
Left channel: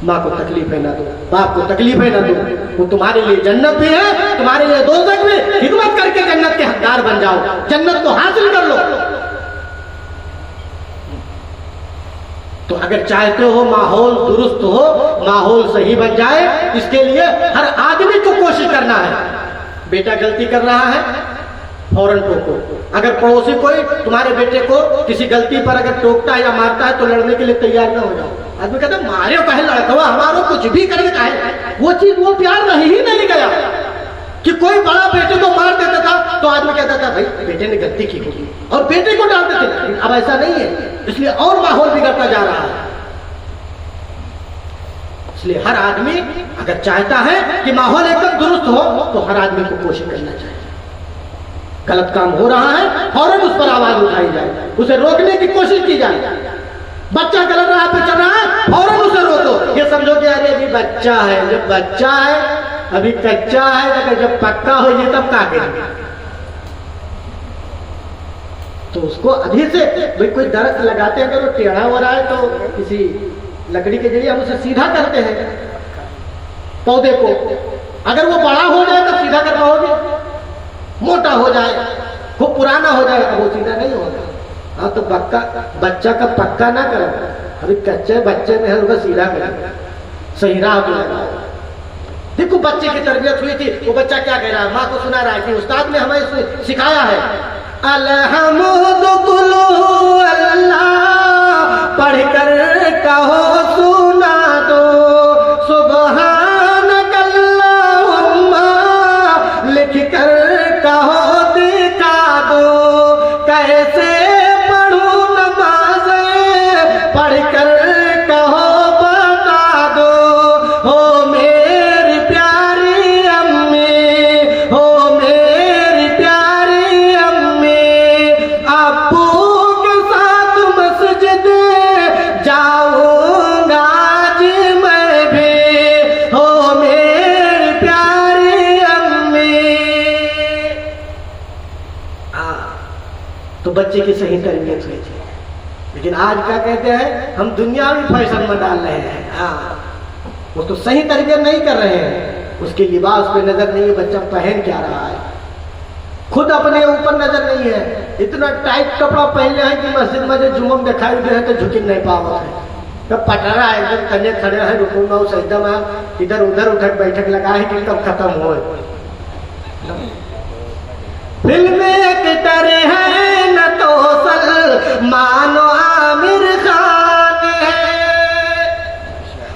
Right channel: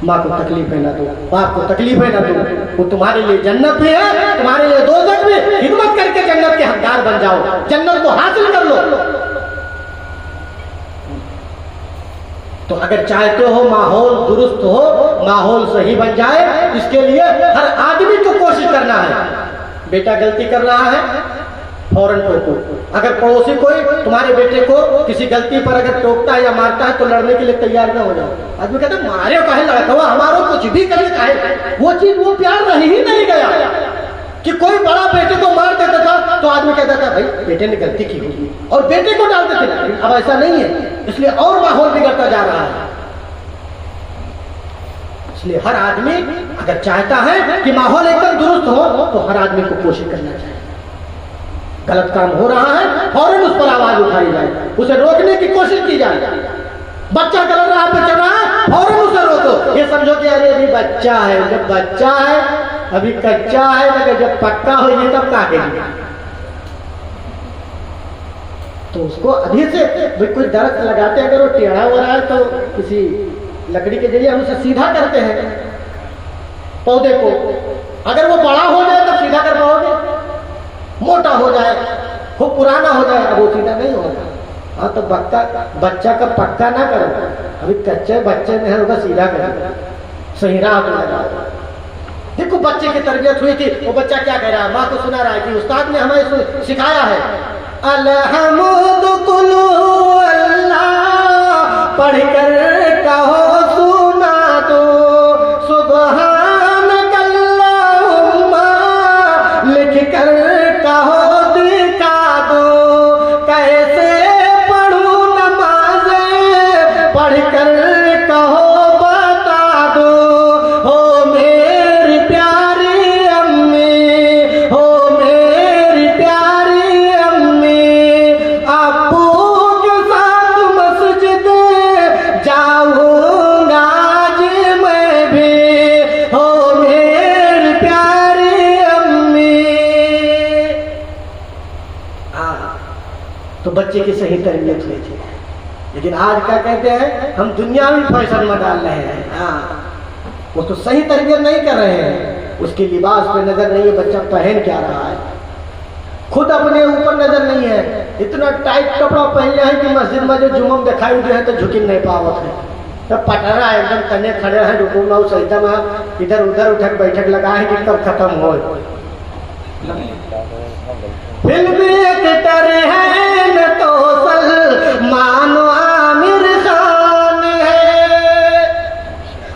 माँ को तकलीफें न दो, बाप को तकलीफें न दो, वो तुम्हारे लिए जन्नत भी है, तुम्हारे लिए दोज़ख भी। खिदमत करके जन्नत के हकदार बन जाओ, जन्नत को हासिल कर लो। तो अगर चाहते हो माहौल दुरुस्त हो, माहौल सही बन जाए, इसके लिए हर आदमी को कोशिश करना है। बेटा गलती कर रहा है, फौरन टोको। अगर पड़ोसी कोई तुम्हारे बेटे को किसी गलती पर अगर टोकता है या मारता है तो लड़ने के लिए तैयार ना हो जाओ। आदमी कहता है मारे कहे लड़कवा हमारो कुछ भी करे कहे, वो चीज वो प्यार रही ही नहीं गया कि कोई बड़ा बेटे को मार देता था तो आदमी कहता था भाई बेटे ने गलती की होगी और बेटे को डालते थे। अब ऐसा नहीं है, इसलिए और माहौल बिगड़ता जा रहा है। इसलिए हर आदमी अगर चाहता है कि माहौल एकदम दुरुस्त हो तो हर आदमी को कोशिश करना चाहिए। गलत काम हो रहा है फौरन उस पर आवाज उठाई जाए, उसे रोकने की कोशिश की जाए। बच्चा गलत राह पे चल रहा है फौरन उसे रोको। ये समझो कि अरे अभी बच्चा है, जब बच्चा है अभी कच्चा है, अगर जब पक्का हो जाए तब क्या करेंगे। तो उसको अभी से भाई कोई दरख्त लगाते हैं, अगर वो टेढ़ा हो रहा है तो किसी लकड़ी के जरिए हम उसे सीधा करते हैं पौधे को। अगर वो बड़ा हो जाए तो सीधा कर पाओगे, मोटा हो जाए खूब पुराना हो जाए अब वो सीधा नहीं होगा। हाँ तो पक्का बच्चा का पक्का ना करो, अभी कच्चे बच्चे में होगा सीधा करो, सही राह पे लगाओ। देखो बच्चे की तरबियत हुई थी, वो बच्चा क्या कह रहा है, माँ को सुना रहा है कि उस्ताद ने हमें सिखाया है पढ़कर कहो सुना दो सुबहान अल्लाहुम्मा, लिख कर कहो दिखा दो कैसे पढ़ूं नमाज़, पढ़कर कहो बता दो हो मेरी प्यारी अम्मी, हो मेरी प्यारी अम्मी, अब्बू के साथ मस्जिद जाऊंगा आज मैं भी, हो मेरी प्यारी अम्मी। तो बच्चे की सही तरबियत हुई थी, लेकिन आज क्या कहते हैं हम दुनियावी फैशन में डाल रहे हैं। हाँ वो तो सही तरबियत नहीं कर रहे हैं, उसके लिबास पे नजर नहीं है बच्चा पहन क्या रहा है, खुद अपने ऊपर नजर नहीं है। इतना टाइट कपड़ा पहन है कि मस्जिद में जो जुम्मन दिखाई दे तो झुकी नहीं पावत है, तब पटरा एकदम तने खड़े हैं रुकू में सजदा में इधर उधर उठक बैठक लगा है कि कब खत्म हो। फिल्म एक्टर है न तो सलमान आमिर खान है,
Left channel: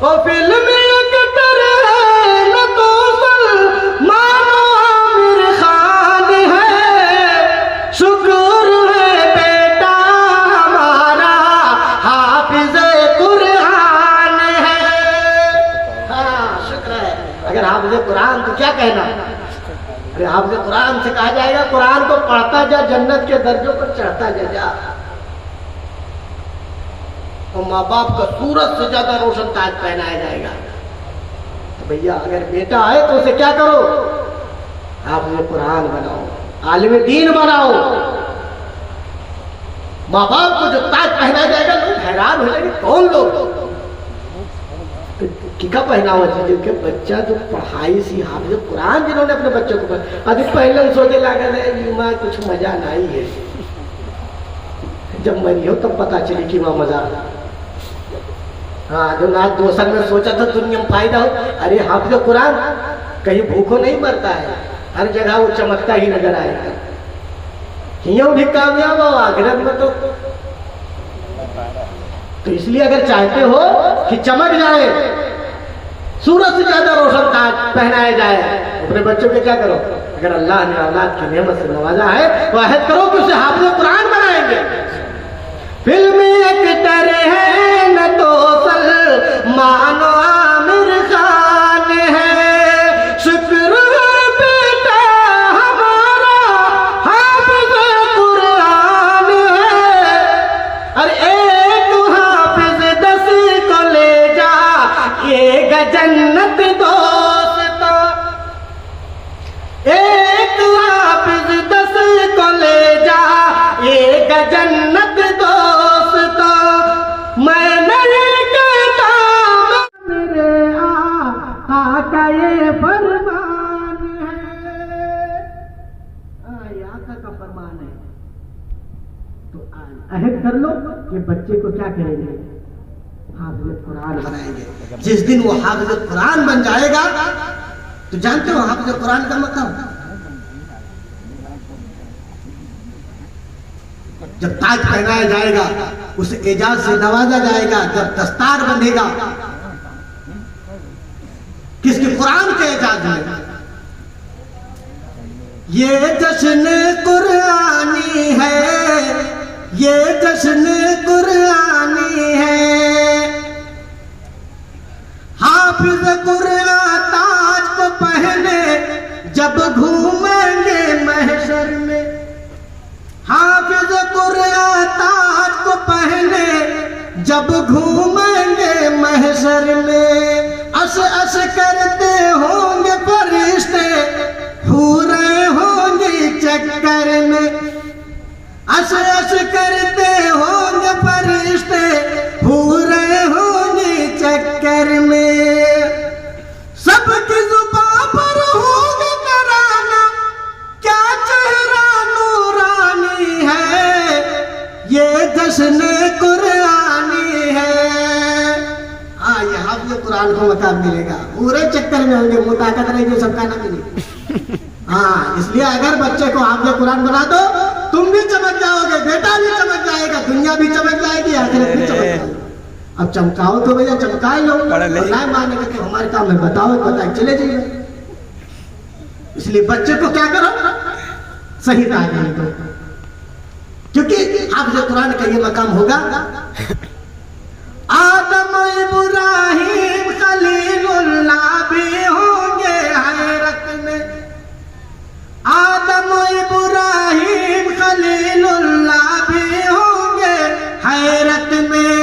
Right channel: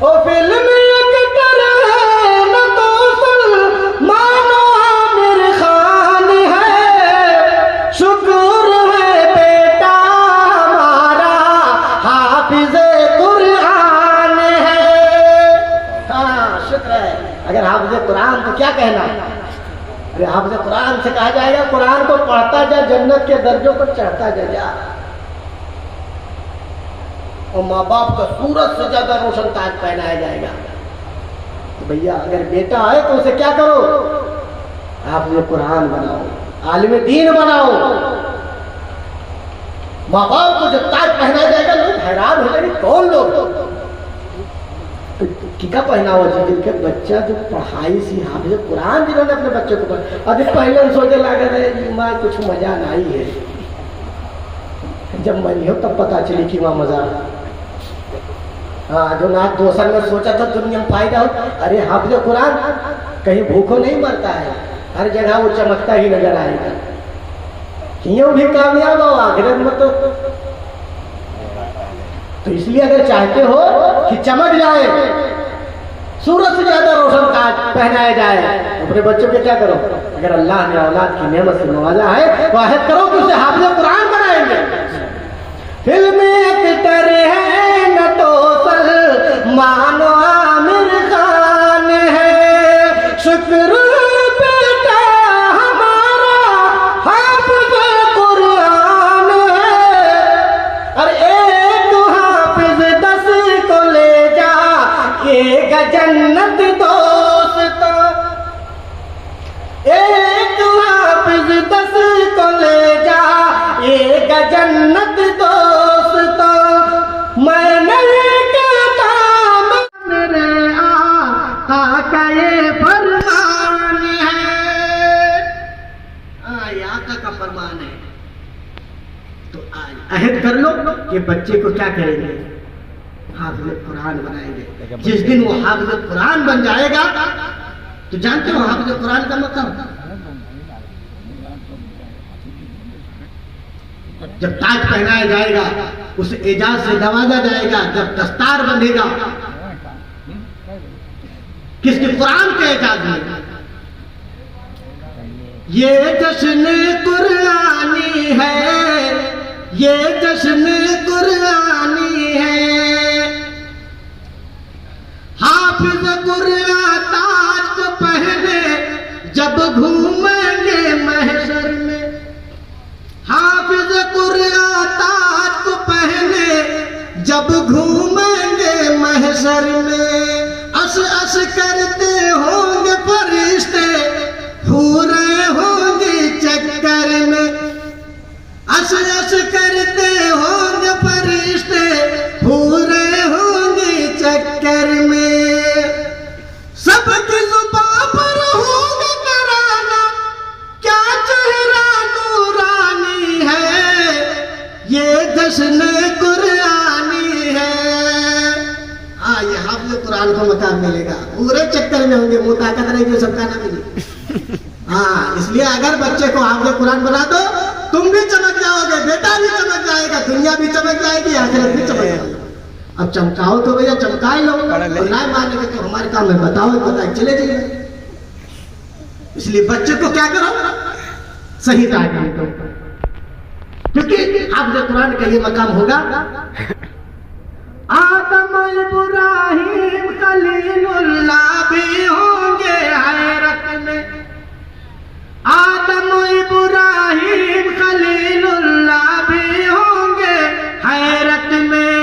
ओ फिल्म एक्टर है न तो सलमान आमिर खान है, शुक्र है बेटा हमारा हाफिज कुरान है। हाँ शुक्र है, अगर हाफिज कुरान तो क्या कहना, हाफिज कुरान से कहा जाएगा कुरान को पढ़ता जा जन्नत के दर्जों पर चढ़ता जा। और माँ बाप का सूरज से ज्यादा रोशन ताज पहनाया जाएगा। तो भैया अगर बेटा आए तो उसे क्या करो, हाफिज कुरान बनाओ, आलिम दीन बनाओ। माँ बाप को जो ताज पहनाया जाएगा लोग हैरान हो जाएंगे, कौन लोग क्या पहनावा चाहिए कि बच्चा जो पढ़ाई सी हाफिज कुरान जिन्होंने अपने बच्चों को अभी पहले सोचे लगे मैं कुछ मजा नहीं है, जब मरी हो तब पता चली कि वहां मजा। हाँ जो ना दोसर में सोचा था दुनिया में फायदा हो, अरे हाफिज कुरान कहीं भूखों नहीं मरता है, हर जगह वो चमकता ही नजर आएगा, यूं भी कामयाब हो आखिरत में। तो इसलिए अगर चाहते हो कि चमक जाए, सूरज से ज्यादा रोशन ताज पहनाया जाए, अपने बच्चों के क्या करो, अगर अल्लाह ने औलाद की नेमत से नवाजा है तो अहद करो कि उसे हाफिज कुरान बनाएंगे। फिल्म एक्टर है न तो सलमान आमिर खान है, शुक्र बेटा हमारा हाफिज कुरान है। अरे एक हाफिज 10 को ले जा एक जन्नत दोस्त, एक हाफिज 10 को ले जा एक जन्नत दोस्त। मैं नहीं कहता मेरे आका का ये फरमान है, ये आका का फरमान है। तो आज अहद कर लो कि बच्चे को क्या करेंगे, हाफिज कुरान बनाएंगे। जिस दिन वो हाफिज कुरान बन जाएगा तो जानते हो हाफिज कुरान का मतलब जब ताज पहनाया जाएगा, उस एजाज से नवाजा जाएगा, जब दस्तार बंधेगा, किसके? कुरान के एजाज में। ये जश्न कुरानी है, ये जश्न कुरानी है, हाफिज कुरान ताज को पहने जब घूमेंगे महशर में, हाफिज कुरान ताज को पहने जब घूमेंगे महशर में, अस अस करते होंगे फरिश्ते, पूरे होंगे चक्कर में, अस अस करते होंगे फरिश्ते, पूरे होंगे चक्कर में, सबकी जुबान पर होगा तराना, क्या चेहरा नूरानी है, ये जश्न कुरानी है। हाँ, ये हाफिज कुरान को मकाम मिलेगा, पूरे चक्कर में होंगे, मुंह ताकत रहेगी सबका ना मिले। हाँ, इसलिए अगर बच्चे को हाफिज कुरान बना दो, तुम भी चमक जाओगे, बेटा भी चमक जाएगा, दुनिया भी चमक जाएगी, आखिरत भी चमक जाएगी। अब चमकाओ तो भैया चमका ही लो, ना मानेंगे तो हमारे काम में बताओ, बताए चले जाइए। इसलिए बच्चे को क्या करो? सही तालीम दो, क्योंकि हाफिज कुरान का ये मकाम होगा। आदम इब्राहिम खलीलुल्लाह भी होंगे हैरत में, आदम इब्राहिम खलीलुल्लाह भी होंगे हैरत में,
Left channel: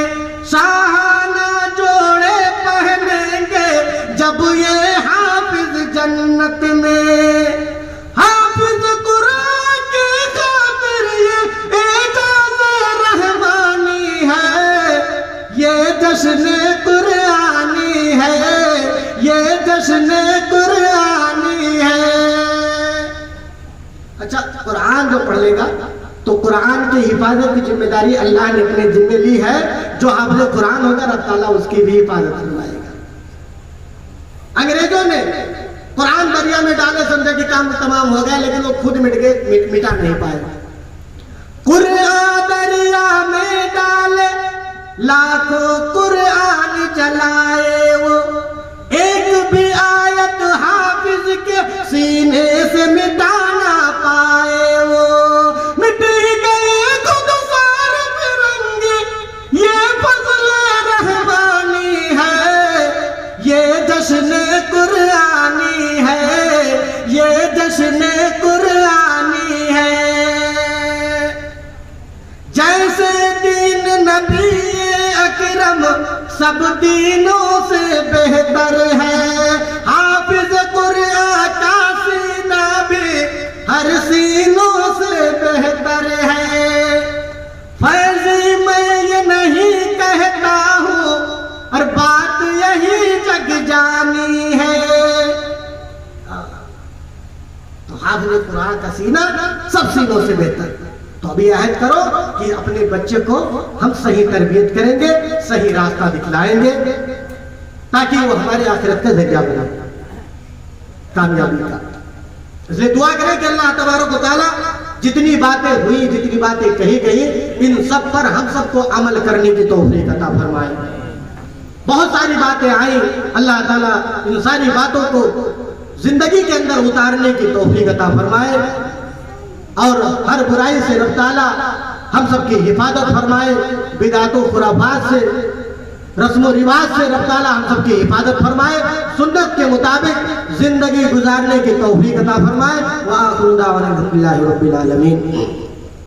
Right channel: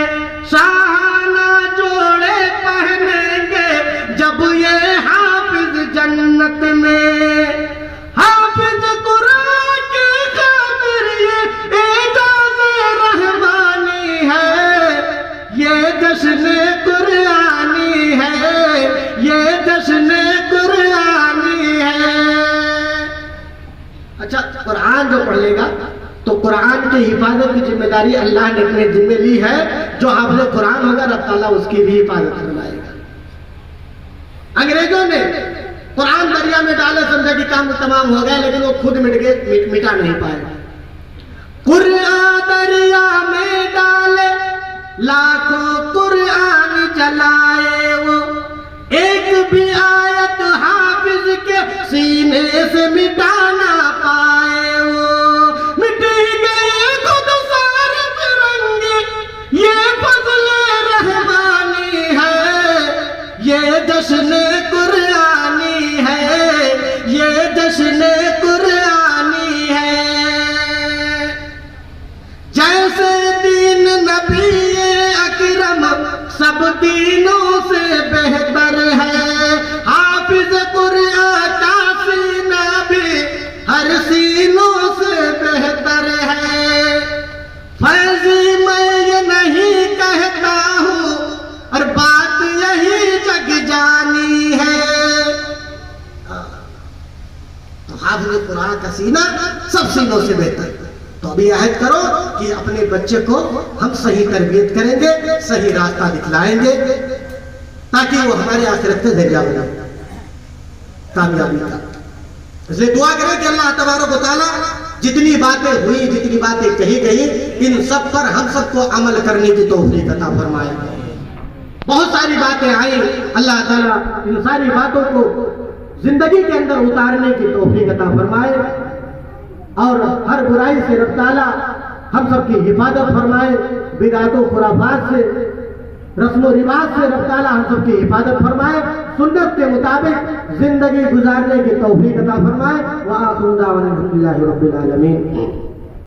शाहाना जोड़े पहनेंगे जब ये हाफिज जन्नत में, हाफिज कुरान की खातिर ये एजाज़े रहमानी है, ये जश्न कुरानी है, ये जश्न कुरानी है। अच्छा, कुरान जो पढ़ लेगा तो कुरान की हिफाजत की जिम्मेदारी अल्लाह ने अपने जिम्मे ली है। जो हाफिज कुरान होगा, रब ताला उसकी भी हिफाजत करवाएगा। अंग्रेजों ने कुरान दरिया में डाला, समझा कि काम तमाम हो गया, लेकिन वो खुद मिट गए, मिटा नहीं पाए। कुरान दरिया में डाले, लाखों कुरान जलाए, वो एक भी आयत हाफिज के सीने से मिटा ना पाए, वो मिट गए खुद सारे फिरंगी, ये फज़्ल रहमानी है, ये जश्न कुरानी है, ये जश्न कुरानी है। जैसे दीन नबी अकरम सब दीनों से बेहतर है, हाफिज कुरान का सीना भी हर सीनों से बेहतर है। फैज़ी मैं ये नहीं कहता हूँ, और बात यही जग जानी है। तो हाफिज कुरान का सीना सब सीनों से बेहतर है। तो अभी याद करो कि अपने बच्चे को हम सही तरबियत करेंगे, सही रास्ता दिखलाएंगे, ताकि वो हमारे आखिरत का जरिया बने कामयाबी का। इसलिए दुआ करें कि अल्लाह तबारक व तआला जितनी बातें हुई, जितनी बातें कही गई, इन सब पर हम सबको अमल करने की तौफीक अता फरमाए। बहुत सारी बातें आई, अल्लाह ताला इन सारी बातों को जिंदगी के अंदर उतारने की तौफीक अता फरमाए, और हर बुराई से रब ताला हम सबकी हिफाजत फरमाए, बिदातों खुराफात से, रस्म रिवाज से रब ताला हम सबकी हिफाजत फरमाए, सुन्नत के मुताबिक जिंदगी गुजारने की तौफीक अता फरमाए। व आखिरु दावाना अल्हम्दुलिल्लाहि रब्बिल आलमीन।